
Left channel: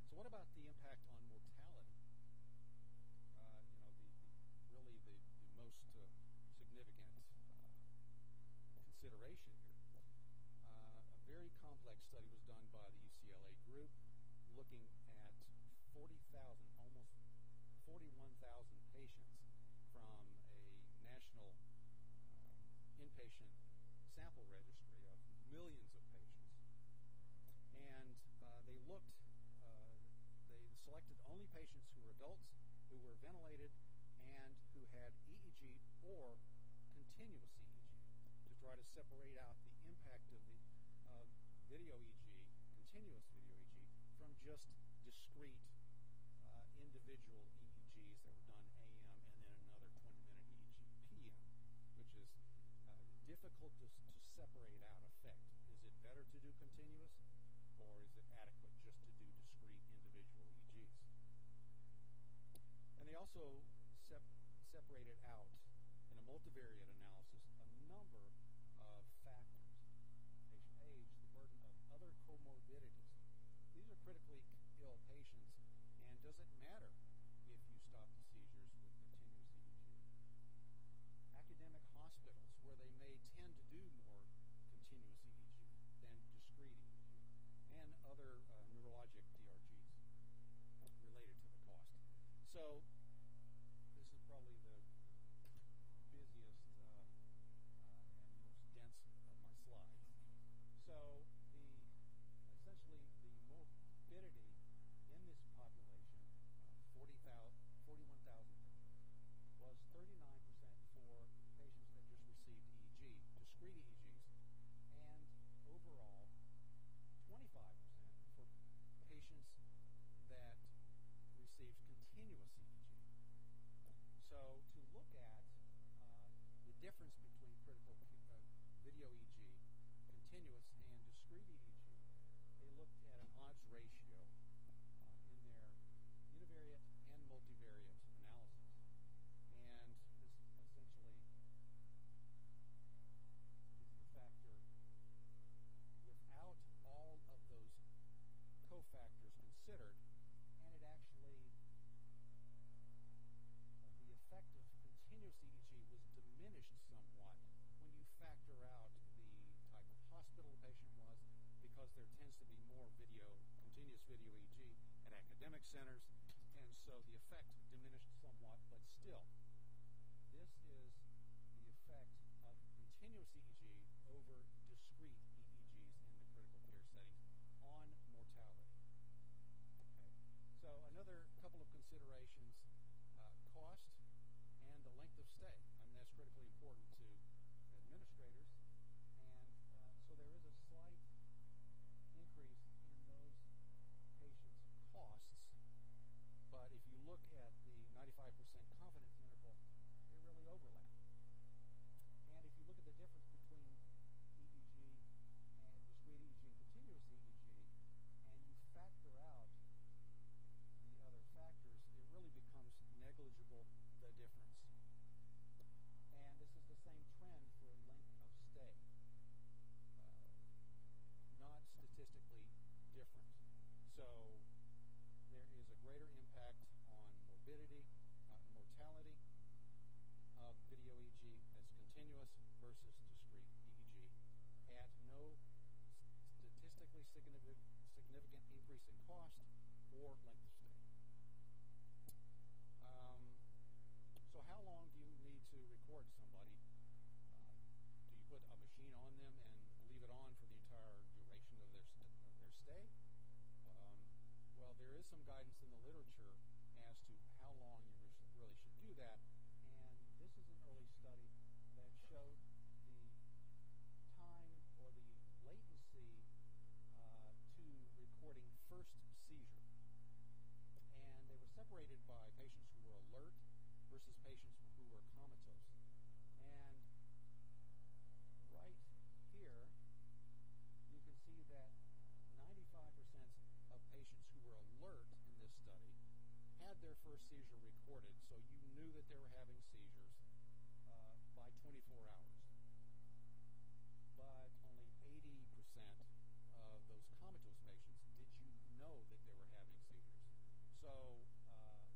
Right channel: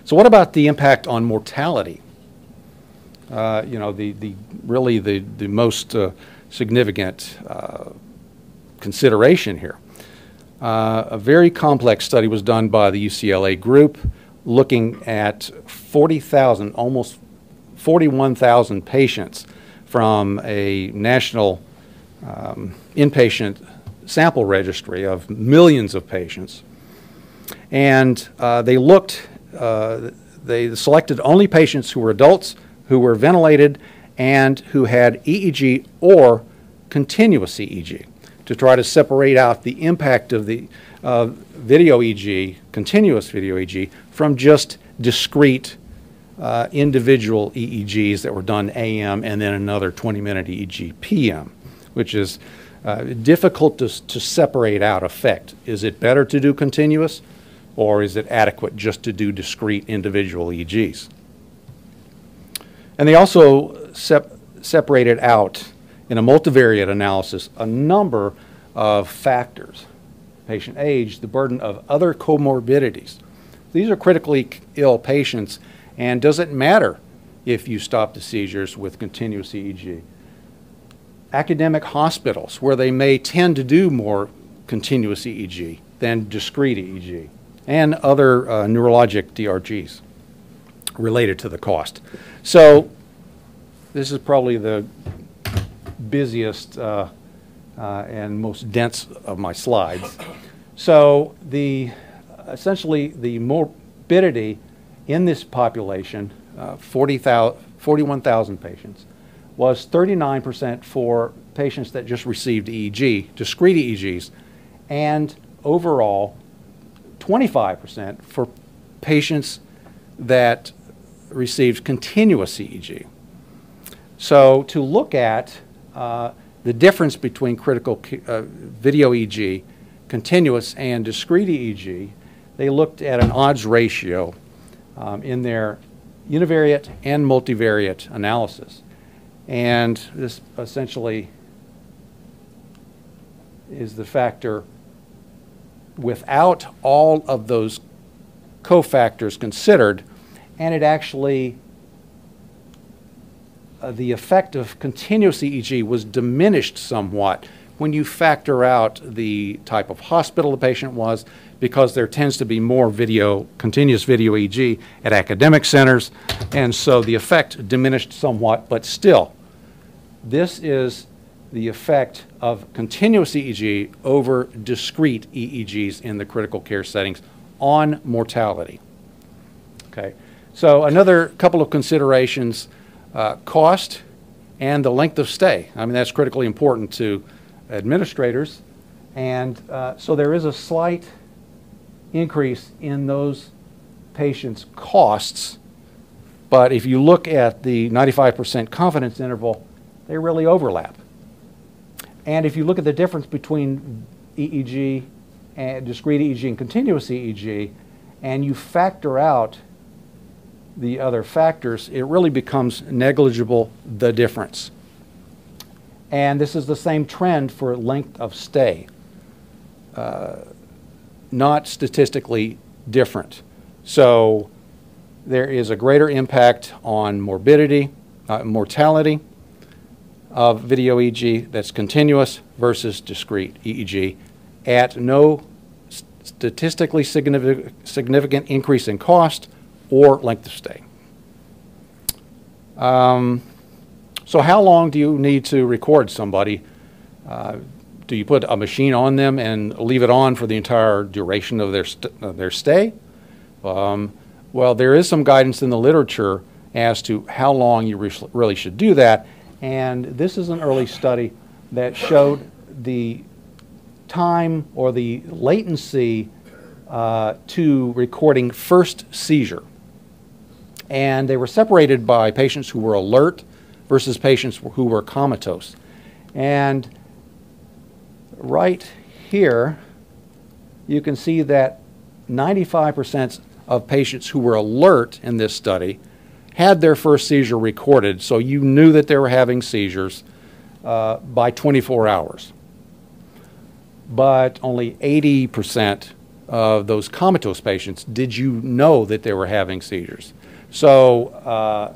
So what about the impact on mortality? You know, really the most significant consideration here. A very complex study was done by the UCLA group looking at 40,000, almost 41,000 patients from a national inpatient sample registry of millions of patients. And they selected only patients who were adults, who were ventilated, and who had EEG or continuous EEG to try to separate out the impact of the video EEG, continuous video EEG, from just discrete individual EEGs that were done AM and then another 20-minute EEG PM, which is difficult to separate out effect. Is it better to do continuous, or is it adequate just to do discrete individual EEGs? And they also separated out in a multivariate analysis a number of factors: patient age, the burden of other comorbidities. These are critically ill patients, and does it matter if you stop the seizures with continuous EEG? Academic hospitals, where they may tend to do more continuous EEG than discrete EEG, and other neurologic DRGs related to the cost. So this is probably the busiest and most dense of my slides. So essentially the morbidity in this population, 41,000 patients, was 39% for patients that just received EEG, discrete EEGs, and overall 25% for patients that received continuous EEG. So to look at the difference between critical video EEG, continuous, and discrete EEG, they looked at an odds ratio in their univariate and multivariate analysis. And this essentially is the factor without all of those cofactors considered, and it actually, the effect of continuous EEG was diminished somewhat when you factor out the type of hospital the patient was, because there tends to be more continuous video EEG at academic centers, and so the effect diminished somewhat, but still, this is the effect of continuous EEG over discrete EEGs in the critical care settings on mortality. Okay, so another couple of considerations, cost and the length of stay. I mean, that's critically important to administrators, and so there is a slight increase in those patients' costs, but if you look at the 95% confidence interval, they really overlap. And if you look at the difference between EEG and discrete EEG and continuous EEG, and you factor out the other factors, it really becomes negligible, the difference. And this is the same trend for length of stay, not statistically different. So there is a greater impact on morbidity, mortality of video EEG that's continuous versus discrete EEG at no statistically significant increase in cost or length of stay. So how long do you need to record somebody? Do you put a machine on them and leave it on for the entire duration of their stay? Well, there is some guidance in the literature as to how long you really should do that, and this is an early study that showed the time or the latency to recording first seizure. And they were separated by patients who were alert versus patients who were comatose. And right here, you can see that 95% of patients who were alert in this study had their first seizure recorded, so you knew that they were having seizures by 24 hours. But only 80% of those comatose patients, did you know that they were having seizures? So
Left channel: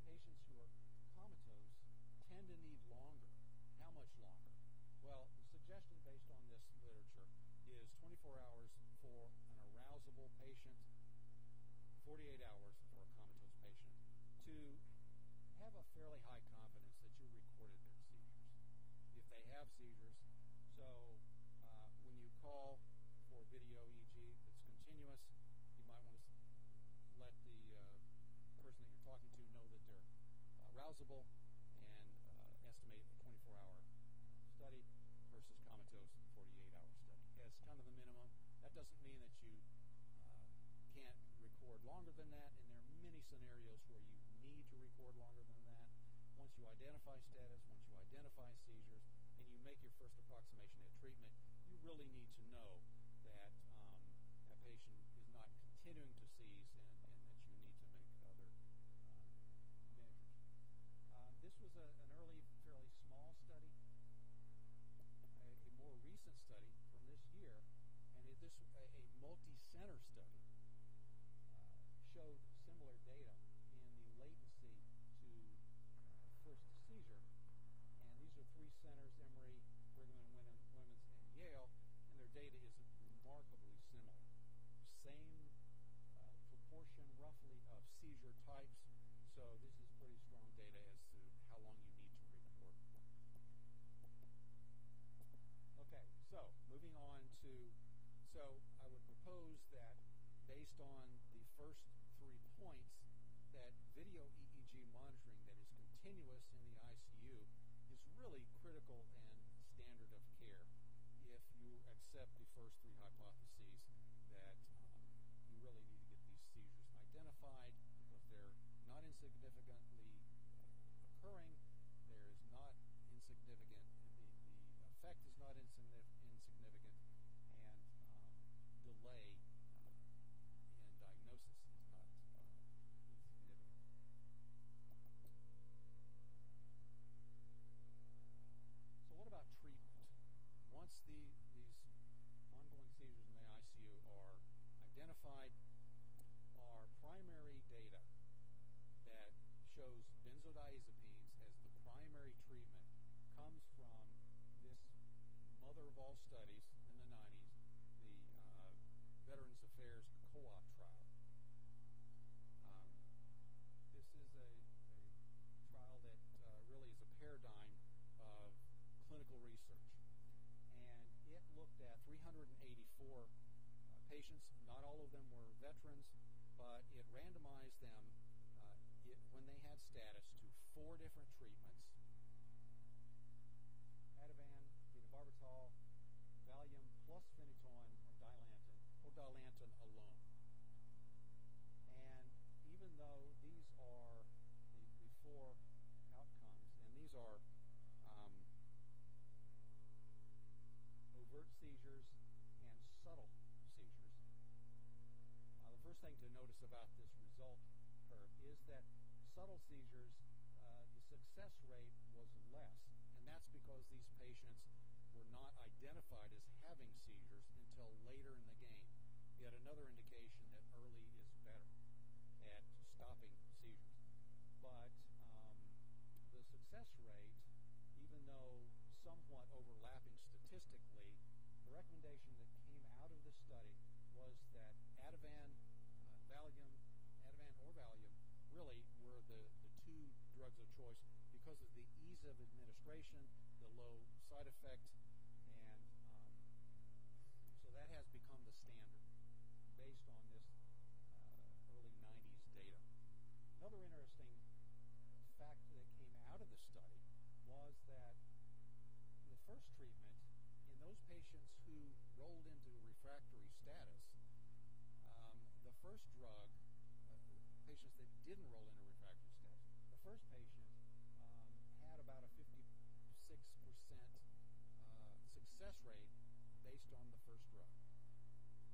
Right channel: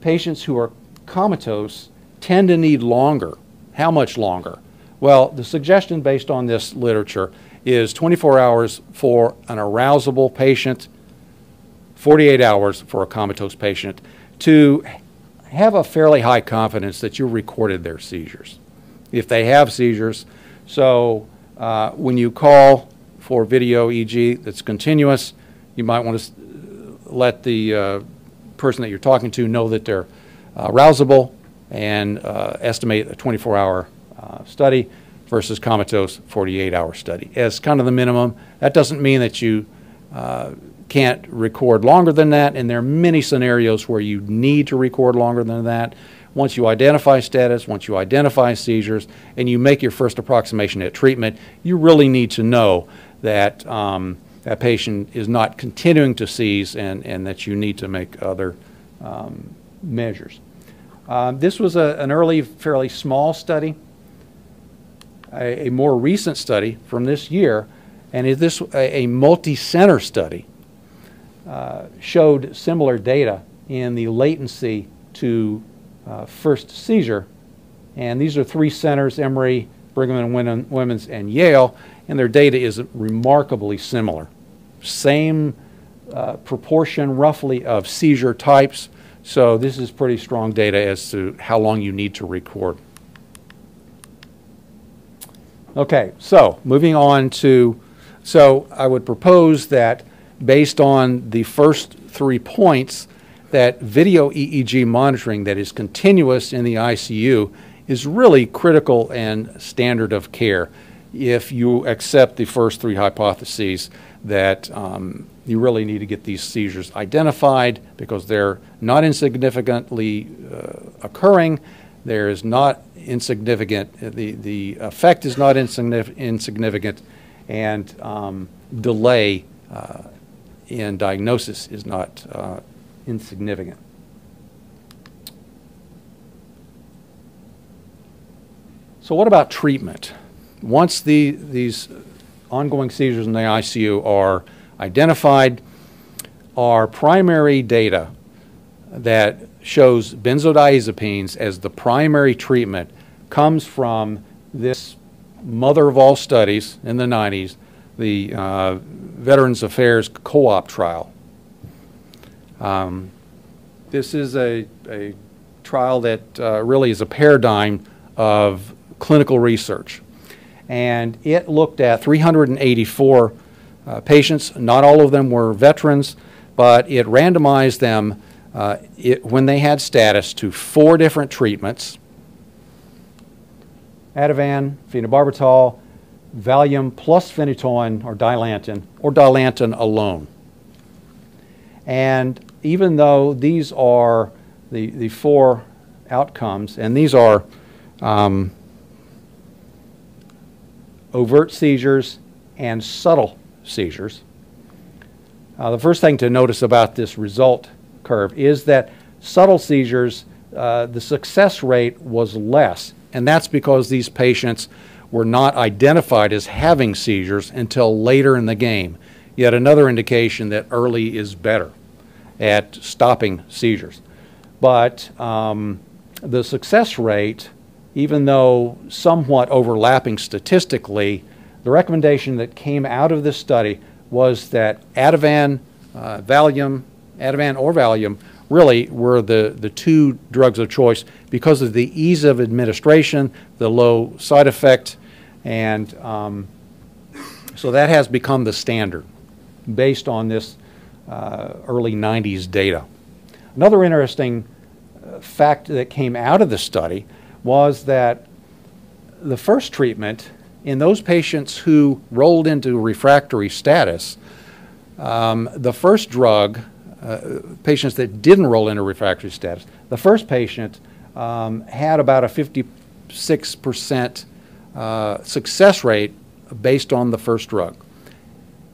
patients who are comatose tend to need longer. How much longer? Well, the suggestion based on this literature is 24 hours for an arousable patient, 48 hours for a comatose patient, to have a fairly high confidence that you recorded their seizures, if they have seizures. So when you call for video EEG that's continuous, you might want to let the person that you're talking to know that they're arousable and estimate a 24-hour study versus comatose 48-hour study as kind of the minimum. That doesn't mean that you can't record longer than that, and there are many scenarios where you need to record longer than that. Once you identify status, once you identify seizures, and you make your first approximation at treatment, you really need to know that that patient is not continuing to seize and that you need to make other measures. This was an early, fairly small study. A more recent study from this year, and this a multi-center study, showed similar data in the latency to first seizure. And these are 3 centers, Emory, Brigham and Women's, and Yale, and their data is remarkably similar. Same proportion, roughly, of seizure types. So this is pretty strong data as to how long you need to record. Okay, so moving on to, so I would propose that based on the first 3 points, that video EEG monitoring that is continuous in the ICU is really critical and standard of care if you accept the first 3 hypotheses that you really need to get these seizures identified because they're not insignificantly occurring. There is not insignificant, the effect is not insignificant, and delay in diagnosis is not insignificant. So what about treatment? Once these ongoing seizures in the ICU are identified, our primary data that shows benzodiazepines as the primary treatment comes from this mother of all studies in the 90s, the Veterans Affairs Co-op trial. This is a trial that really is a paradigm of clinical research. And it looked at 384 patients. Not all of them were veterans, but it randomized them when they had status to 4 different treatments: Ativan, phenobarbital, Valium plus phenytoin or Dilantin alone. And even though these are the 4 outcomes, and these are overt seizures and subtle seizures, the first thing to notice about this result curve is that subtle seizures, the success rate was less, and that's because these patients were not identified as having seizures until later in the game. Yet another indication that early is better at stopping seizures. But the success rate, even though somewhat overlapping statistically, the recommendation that came out of this study was that Ativan or Valium really were the 2 drugs of choice because of the ease of administration, the low side effect, and so that has become the standard based on this early 90s data. Another interesting fact that came out of the study was that the first treatment in those patients who rolled into refractory status, the first drug, patients that didn't roll into refractory status, the first patient had about a 56% success rate based on the first drug.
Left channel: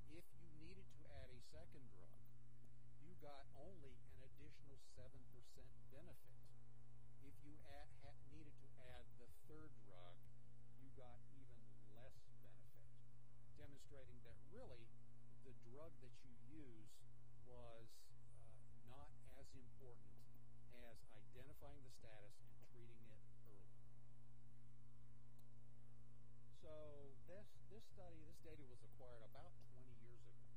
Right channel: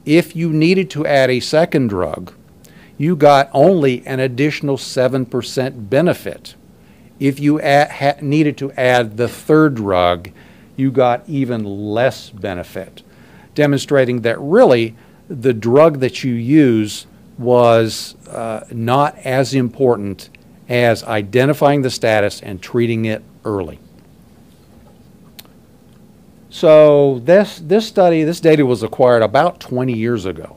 If you needed to add a second drug, you got only an additional 7% benefit. If you needed to add the third drug, you got even less benefit, demonstrating that really the drug that you use was not as important as identifying the status and treating it early. So this data was acquired about 20 years ago.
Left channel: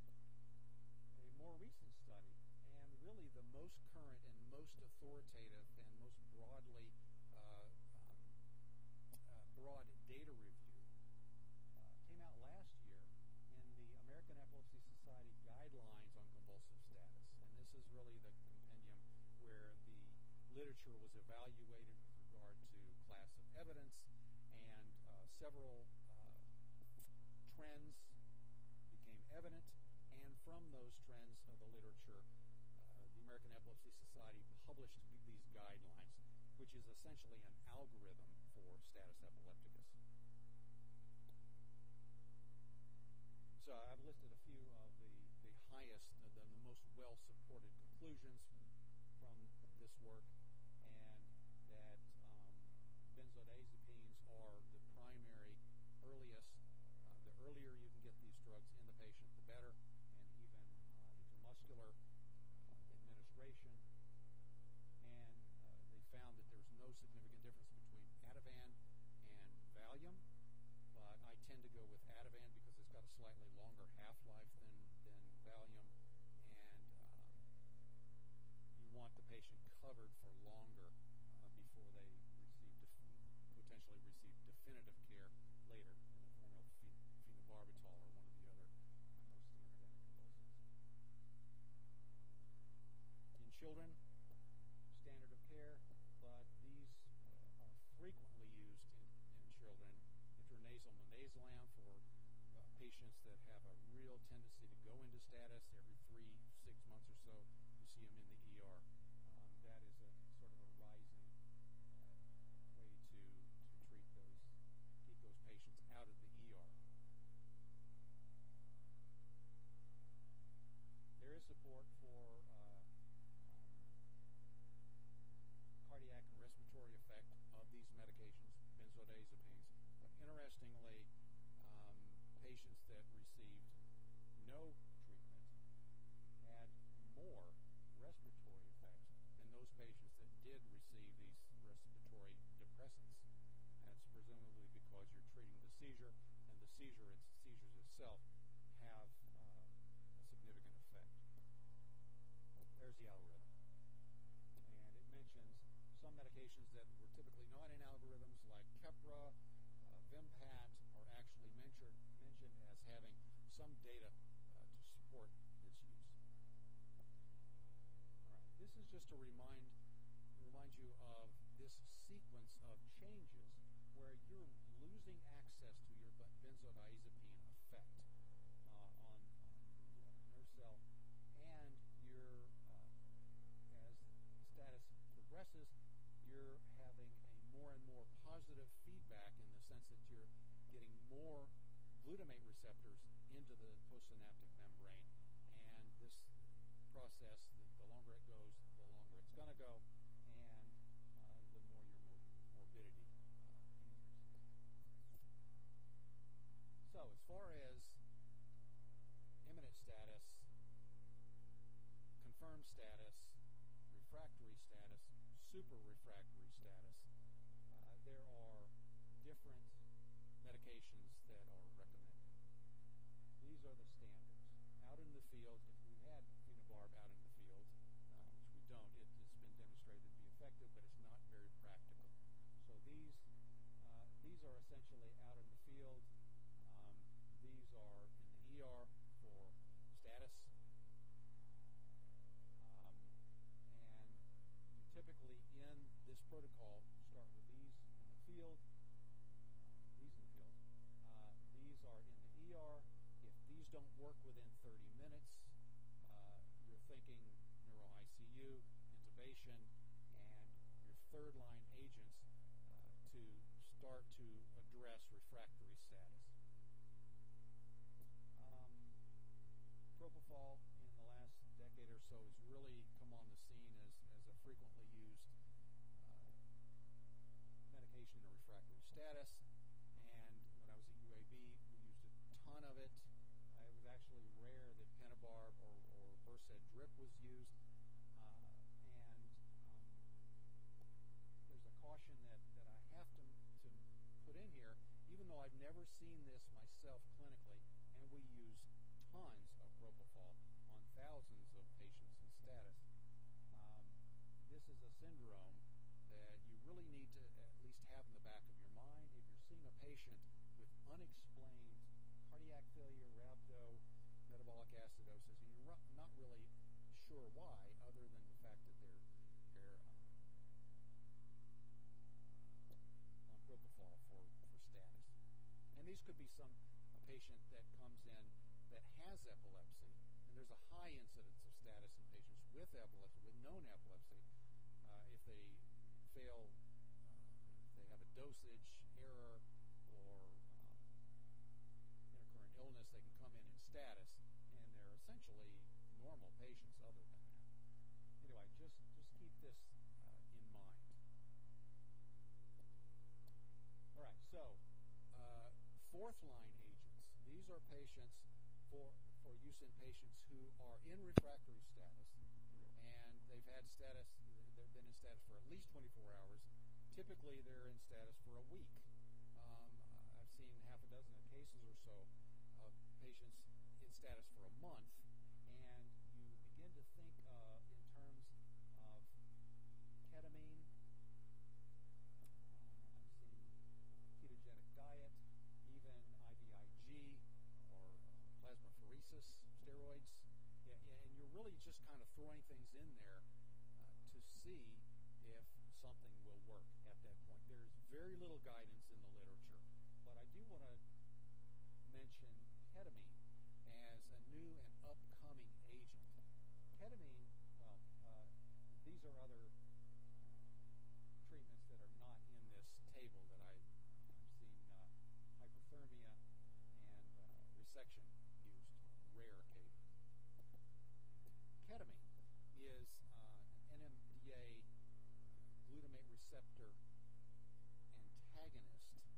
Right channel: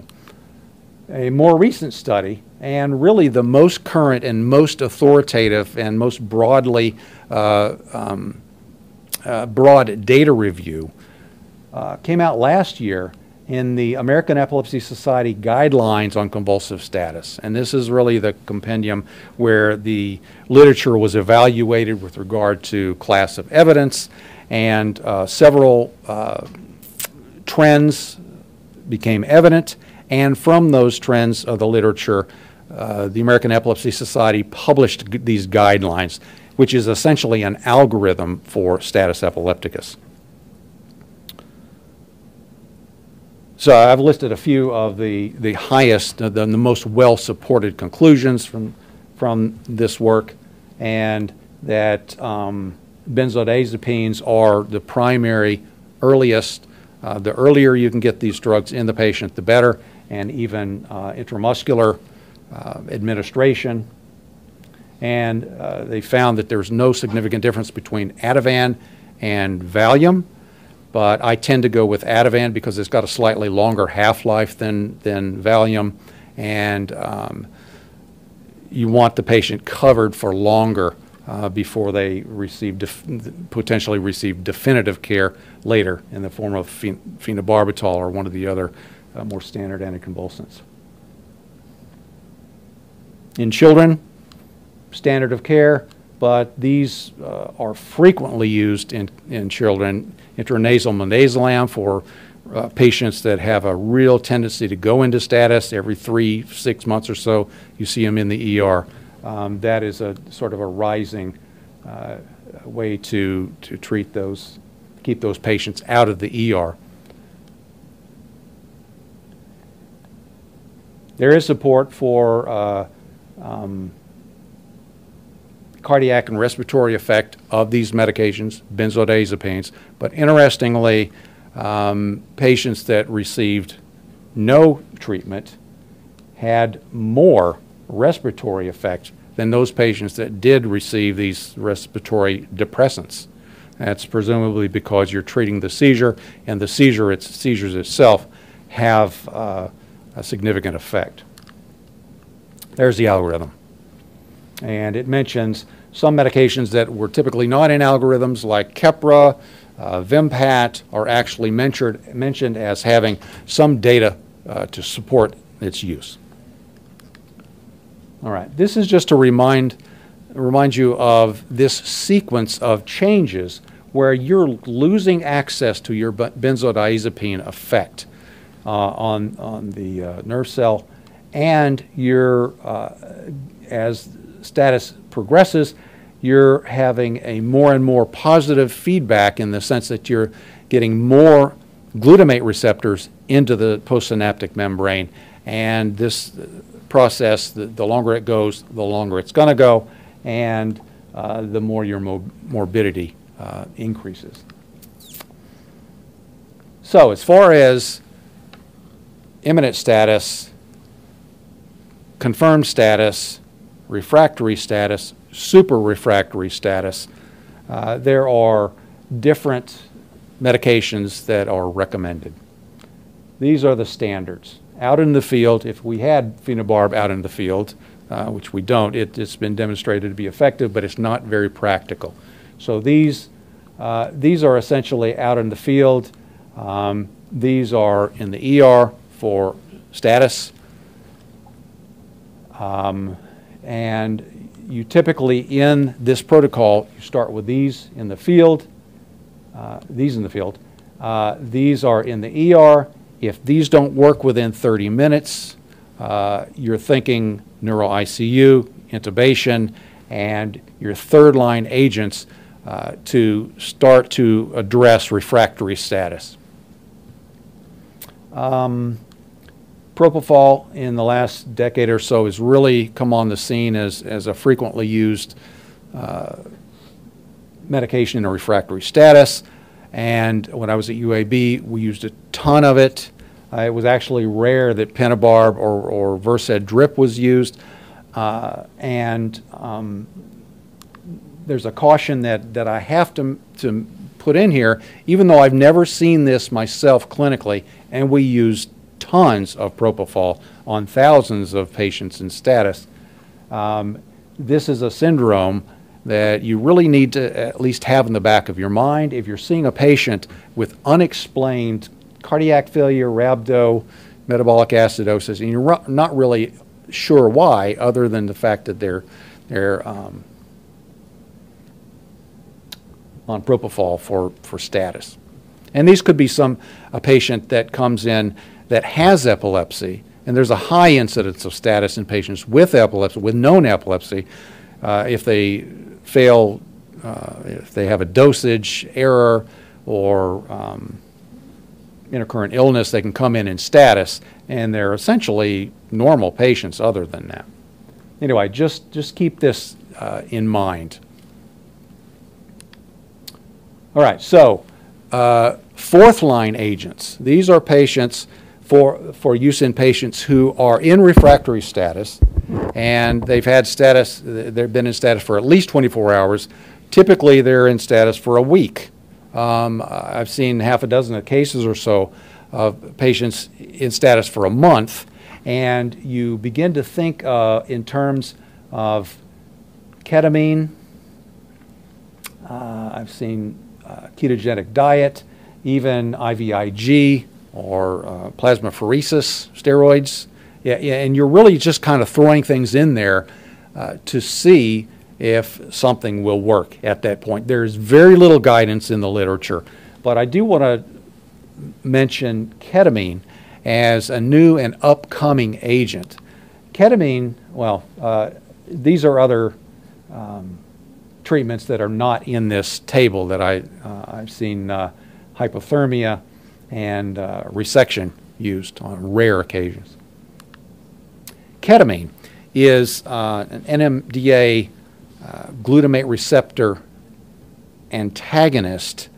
A more recent study, and really the most current and most authoritative and most broad data review, came out last year in the American Epilepsy Society Guidelines on Convulsive Status. And this is really the compendium where the literature was evaluated with regard to class of evidence, and several trends became evident. And from those trends of the literature, the American Epilepsy Society published these guidelines, which is essentially an algorithm for status epilepticus. So I've listed a few of the highest, the most well-supported conclusions from this work, and that benzodiazepines are the primary earliest. The earlier you can get these drugs in the patient, the better, and even intramuscular administration. And they found that there's no significant difference between Ativan and Valium, but I tend to go with Ativan because it's got a slightly longer half-life than Valium, and you want the patient covered for longer before they potentially receive definitive care later in the form of phenobarbital or one of the other more standard anticonvulsants. In children, standard of care, but these are frequently used in children. Intranasal midazolam for patients that have a real tendency to go into status every 3-6 months or so. You see them in the ER. That is a sort of a rising way to treat those, keep those patients out of the ER. There is support for cardiac and respiratory effect of these medications, benzodiazepines, but interestingly, patients that received no treatment had more respiratory effect than those patients that did receive these respiratory depressants. That's presumably because you're treating the seizure, and the seizures itself have a significant effect. There's the algorithm. And it mentions some medications that were typically not in algorithms, like Keppra, Vimpat, are actually mentioned as having some data to support its use. All right, this is just to remind you of this sequence of changes where you're losing access to your benzodiazepine effect on the nerve cell, and you're, as status progresses, you're having a more and more positive feedback in the sense that you're getting more glutamate receptors into the postsynaptic membrane, and this process, the longer it goes, the longer it's going to go, and the more your morbidity increases. So as far as imminent status, confirmed status, refractory status, super refractory status, there are different medications that are recommended. These are the standards. Out in the field, if we had phenobarb out in the field, which we don't, it's been demonstrated to be effective, but it's not very practical. So these are essentially out in the field. These are in the ER for status. And you typically, in this protocol, you start with these in the field, these are in the ER. If these don't work within 30 minutes, you're thinking neuro ICU, intubation, and your third-line agents to start to address refractory status. Propofol in the last decade or so has really come on the scene as a frequently used medication in a refractory status. And when I was at UAB, we used a ton of it. It was actually rare that pentabarb or Versed drip was used, and there's a caution that I have to put in here, even though I've never seen this myself clinically, and we use tons of propofol on thousands of patients in status. This is a syndrome that you really need to at least have in the back of your mind. If you're seeing a patient with unexplained cardiac failure, rhabdo, metabolic acidosis, and you're not really sure why, other than the fact that they're on propofol for status. And these could be a patient that comes in that has epilepsy, and there's a high incidence of status in patients with epilepsy, with known epilepsy. If they fail, if they have a dosage error or intercurrent illness, they can come in status, and they're essentially normal patients other than that. Anyway, just keep this in mind. All right, so fourth-line agents. These are patients for use in patients who are in refractory status, and they've been in status for at least 24 hours. Typically, they're in status for a week. I've seen half a dozen cases or so of patients in status for a month, and you begin to think in terms of ketamine. I've seen ketogenic diet, even IVIG or plasmapheresis steroids. Yeah, and you're really just kind of throwing things in there to see if something will work at that point. There's very little guidance in the literature, but I do want to mention ketamine as a new and upcoming agent. Ketamine, well, these are other treatments that are not in this table that I've seen hypothermia and resection used on rare occasions. Ketamine is an NMDA glutamate receptor antagonist,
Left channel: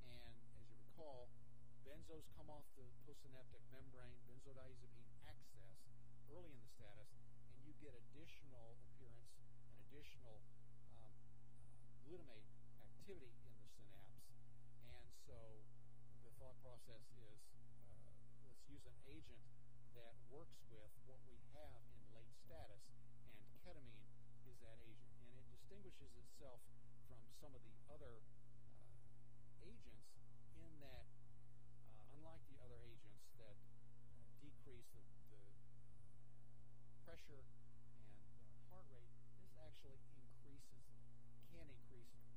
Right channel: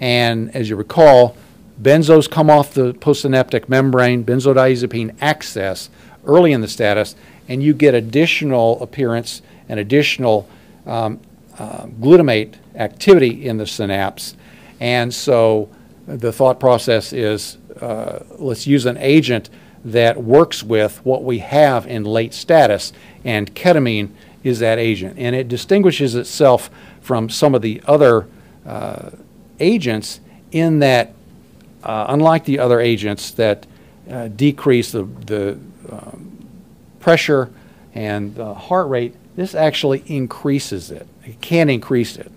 and as you recall, benzos come off the postsynaptic membrane, benzodiazepine access early in the status, and you get additional appearance and additional glutamate activity in the synapse. And so the thought process is let's use an agent that works with what we have in late status, and ketamine is that agent. And it distinguishes itself from some of the other agents in that, unlike the other agents that decrease the pressure and the heart rate, this actually increases it. It can increase it.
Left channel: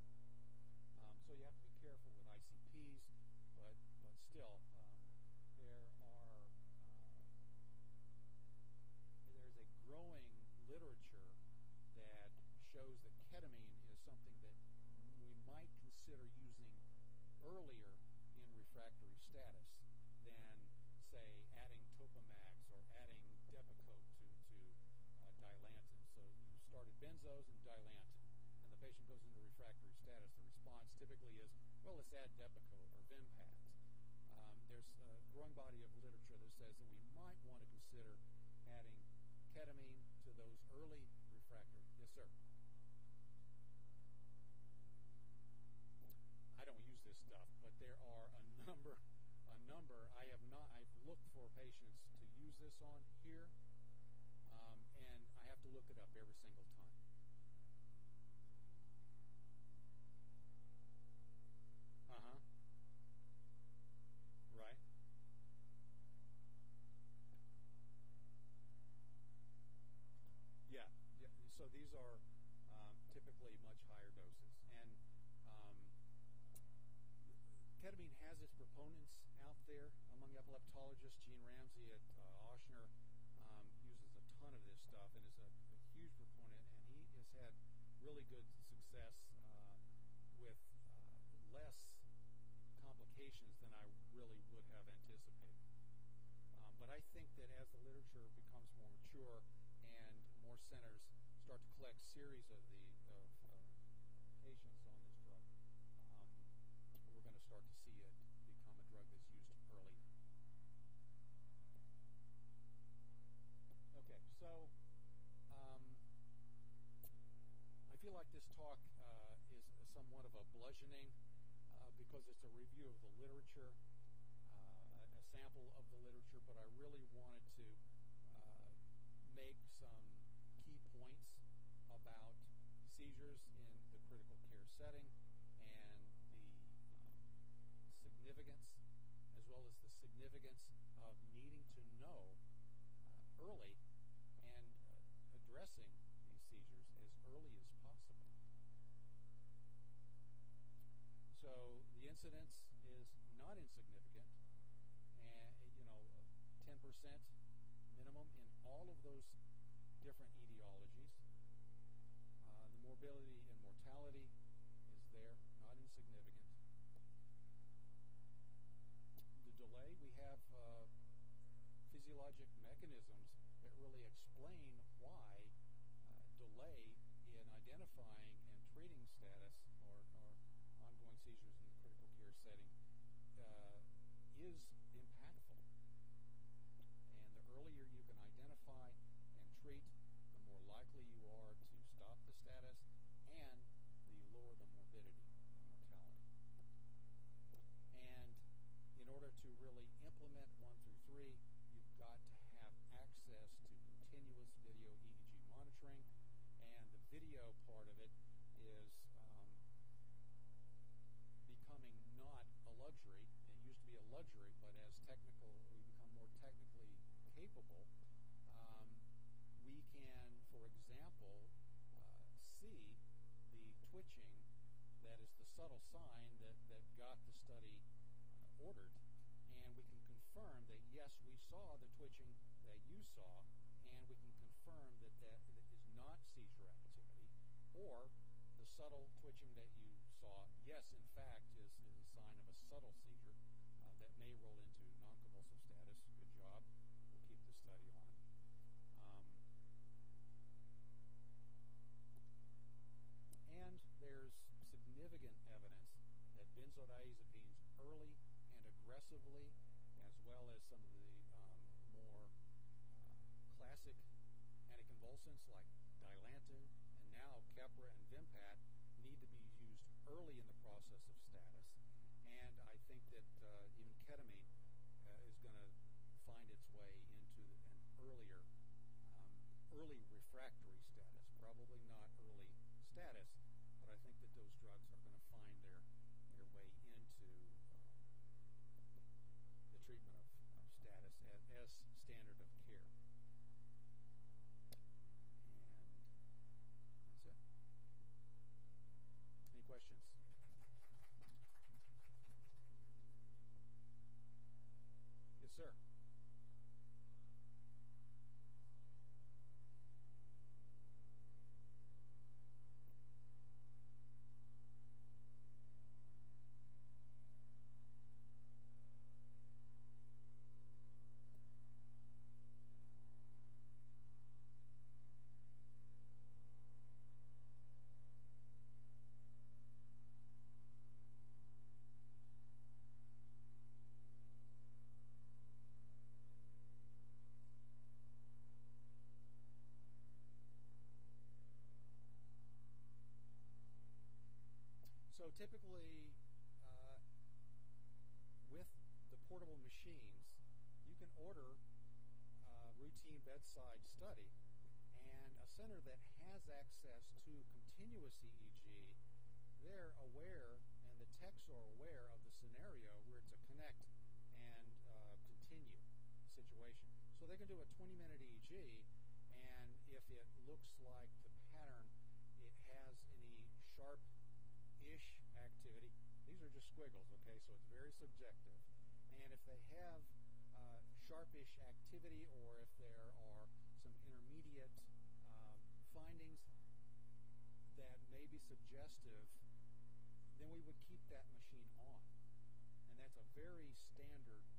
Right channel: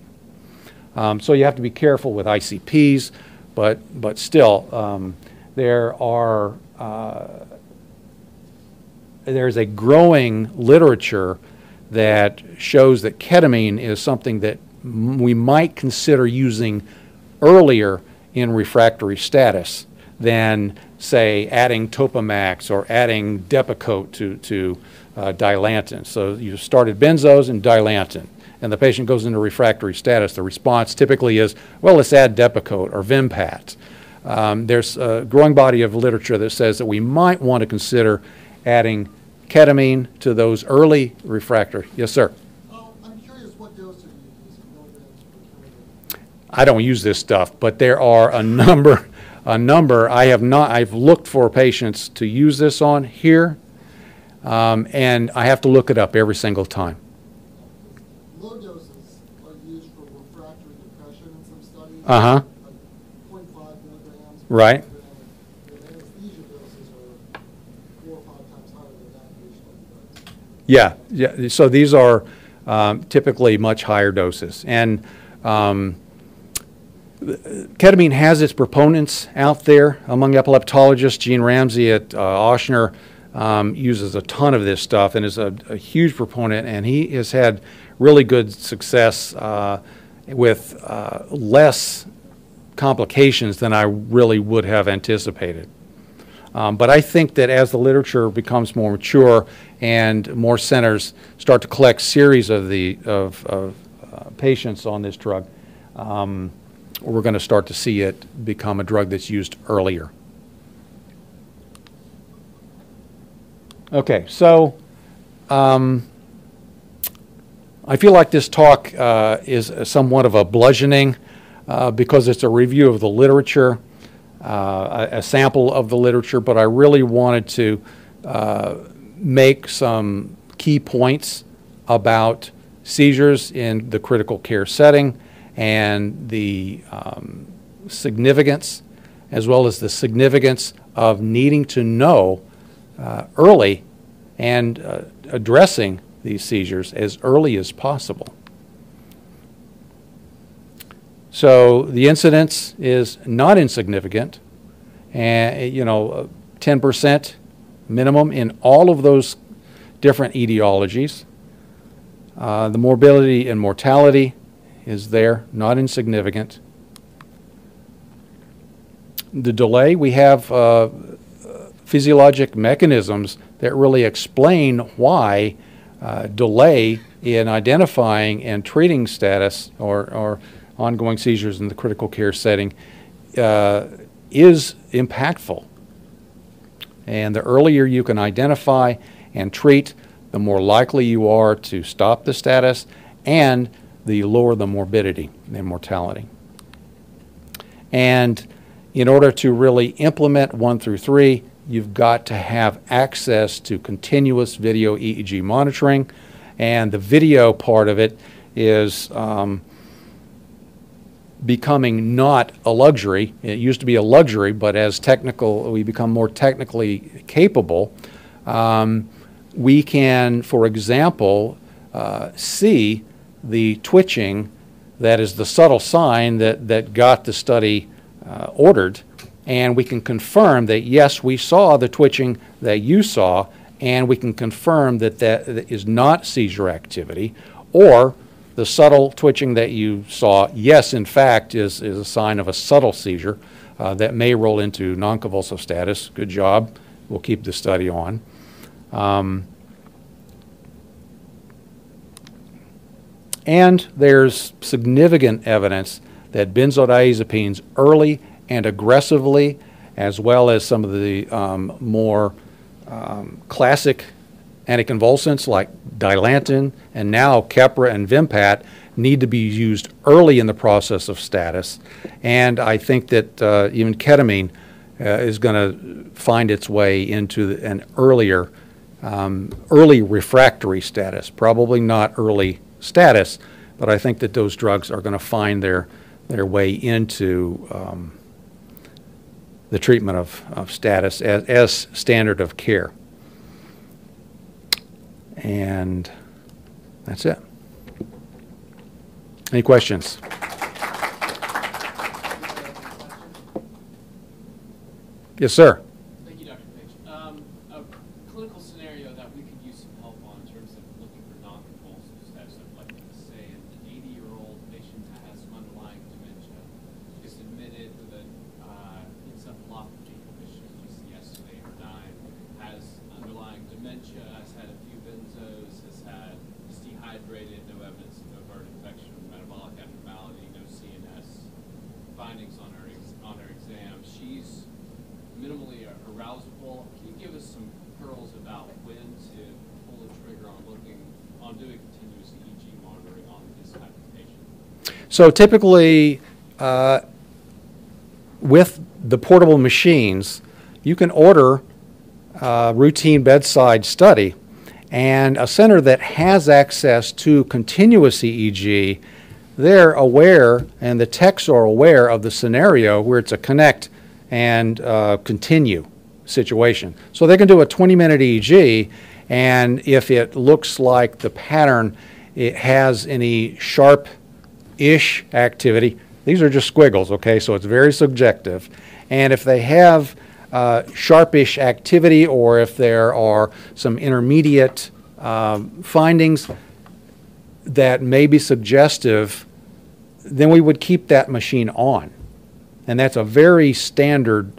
So you have to be careful with ICPs, but still, there's a growing literature that shows that ketamine is something that we might consider using earlier in refractory status than, say, adding Topamax or adding Depakote to Dilantin. So you started benzos and Dilantin, and the patient goes into refractory status. The response typically is, well, let's add Depakote or Vimpat. There's a growing body of literature that says that we might want to consider adding ketamine to those early refractory. Yes, sir? I'm curious what dose are you using, milligrams per kilogram? I don't use this stuff, but there are a number. I've looked for patients to use this on here, and I have to look it up every single time. Low doses are used for refractory depression in some studies. Uh-huh. Like 0.5 milligrams. per Right. kilogram. The anesthesia doses are 4 or 5 times higher than that usually. Yeah. So these are typically much higher doses. And ketamine has its proponents out there among epileptologists. Gene Ramsey at Ochsner uses a ton of this stuff and is a huge proponent, and he has had really good success with less complications than I really would have anticipated. But I think that as the literature becomes more mature and more centers start to collect series of patients on this drug, we're going to start to see it become a drug that's used earlier. Okay, so I feel like this talk is somewhat of a bludgeoning because it's a review of the literature, a sample of the literature, but I really wanted to make some key points about seizures in the critical care setting and the significance, as well as the significance of needing to know early and addressing these seizures as early as possible. So the incidence is not insignificant, and 10% minimum in all of those different etiologies. The morbidity and mortality is there, not insignificant. The delay, we have physiologic mechanisms that really explain why delay in identifying and treating status or ongoing seizures in the critical care setting is impactful. And the earlier you can identify and treat, the more likely you are to stop the status and the lower the morbidity and mortality. And in order to really implement 1 through 3, you've got to have access to continuous video EEG monitoring, and the video part of it is becoming not a luxury. It used to be a luxury, but as we become more technically capable, we can, for example, see the twitching that is the subtle sign that got the study ordered, and we can confirm that, yes, we saw the twitching that you saw, and we can confirm that that is not seizure activity, or the subtle twitching that you saw, yes, in fact, is a sign of a subtle seizure that may roll into non-convulsive status. Good job. We'll keep the study on. And there's significant evidence that benzodiazepines early and aggressively, as well as some of the more classic anticonvulsants like Dilantin and now Keppra and Vimpat, need to be used early in the process of status. And I think that even ketamine is going to find its way into an earlier, early refractory status, probably not early status, but I think that those drugs are going to find their way into the treatment of status as standard of care. And that's it. Any questions? Yes, sir. Thank you, Dr. Page. A clinical scenario that we could use some help on in terms of looking for non-convulsive status, I'd like to say an 80-year-old patient that has some underlying dementia, is admitted with an encephalopathy condition, just yesterday or 9, has underlying dementia, has had a few benzos, is dehydrated, no evidence of overt infection, metabolic abnormality, no CNS findings on her exam. She's minimally arousable. Can you give us some pearls about when to pull the trigger on doing continuous EEG monitoring on this type of patient? So typically, with the portable machines, you can order a routine bedside study, and a center that has access to continuous EEG, they're aware, and the techs are aware of the scenario where it's a connect and continue situation. So they can do a 20-minute EEG, and if it looks like the pattern, it has any sharp-ish activity, these are just squiggles, okay, so it's very subjective. And if they have sharpish activity, or if there are some intermediate findings that may be suggestive, then we would keep that machine on. And that's a very standard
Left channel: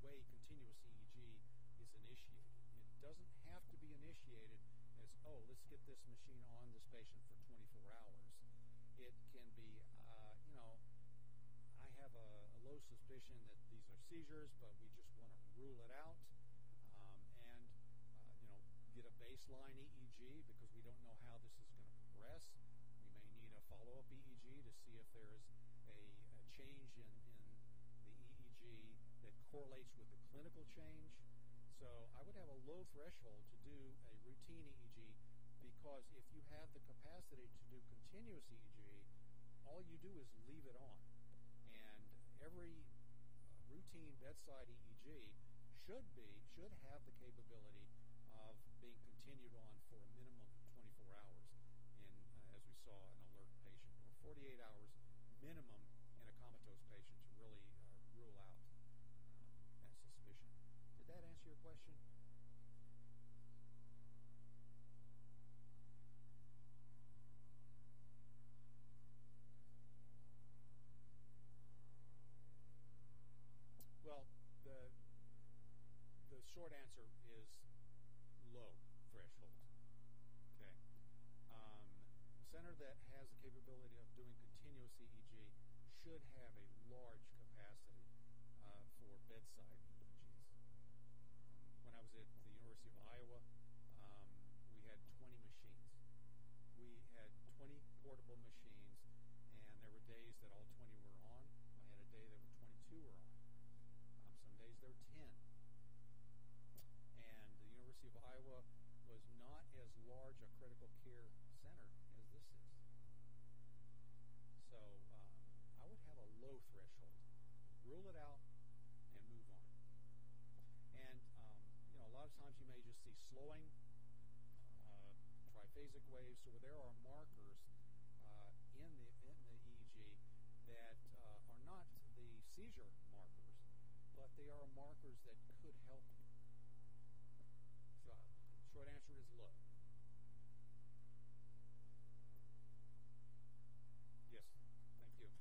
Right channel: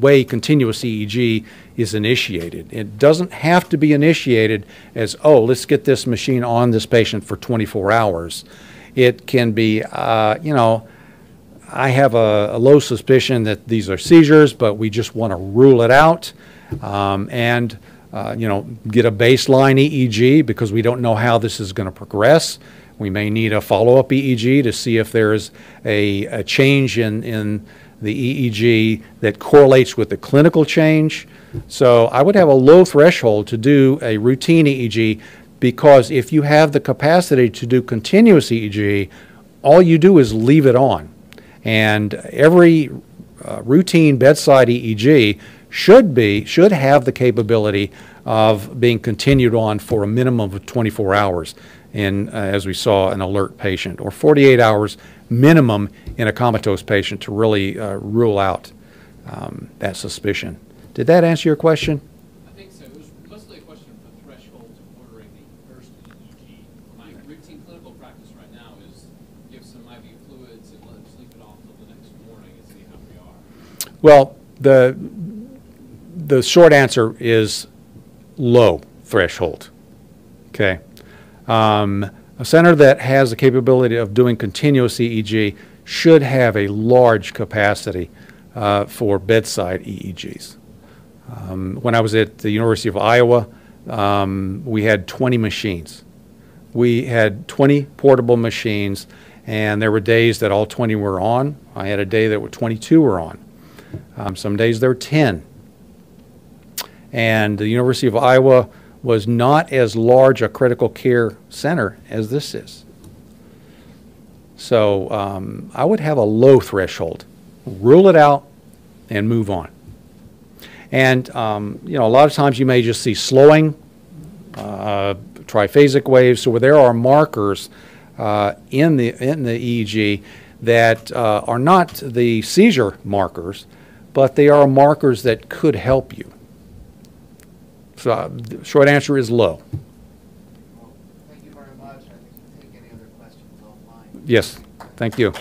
way continuous EEG is initiated. It doesn't have to be initiated as, oh, let's get this machine on this patient for 24 hours. It can be, you know, I have a low suspicion that these are seizures, but we just want to rule it out. And get a baseline EEG because we don't know how this is going to progress. We may need a follow-up EEG to see if there's a change in the EEG that correlates with the clinical change. So I would have a low threshold to do a routine EEG, because if you have the capacity to do continuous EEG, all you do is leave it on. And every routine bedside EEG should have the capability of being continued on for a minimum of 24 hours in, as we saw, an alert patient, or 48 hours minimum in a comatose patient to really rule out that suspicion. Did that answer your question? I think so. It was mostly a question of the threshold to ordering the first EEG. My routine clinical practice right now is give some IV fluids and let them sleep it off till the next morning and see how we are. Well, the short answer is low threshold. Okay. A center that has the capability of doing continuous EEG should have a large capacity for bedside EEGs. When I was at the University of Iowa, we had 20 machines. We had 20 portable machines, and there were days that all 20 were on. I had a day that 22 were on. Some days there were 10. And the University of Iowa was not as large a critical care center as this is. So I would have a low threshold. Rule it out and move on. And a lot of times you may just see slowing, triphasic waves. So where there are markers in the EEG that are not the seizure markers, but they are markers that could help you. So the short answer is low. Well, thank you very much. I think we can take any other questions offline. Yes, thank you.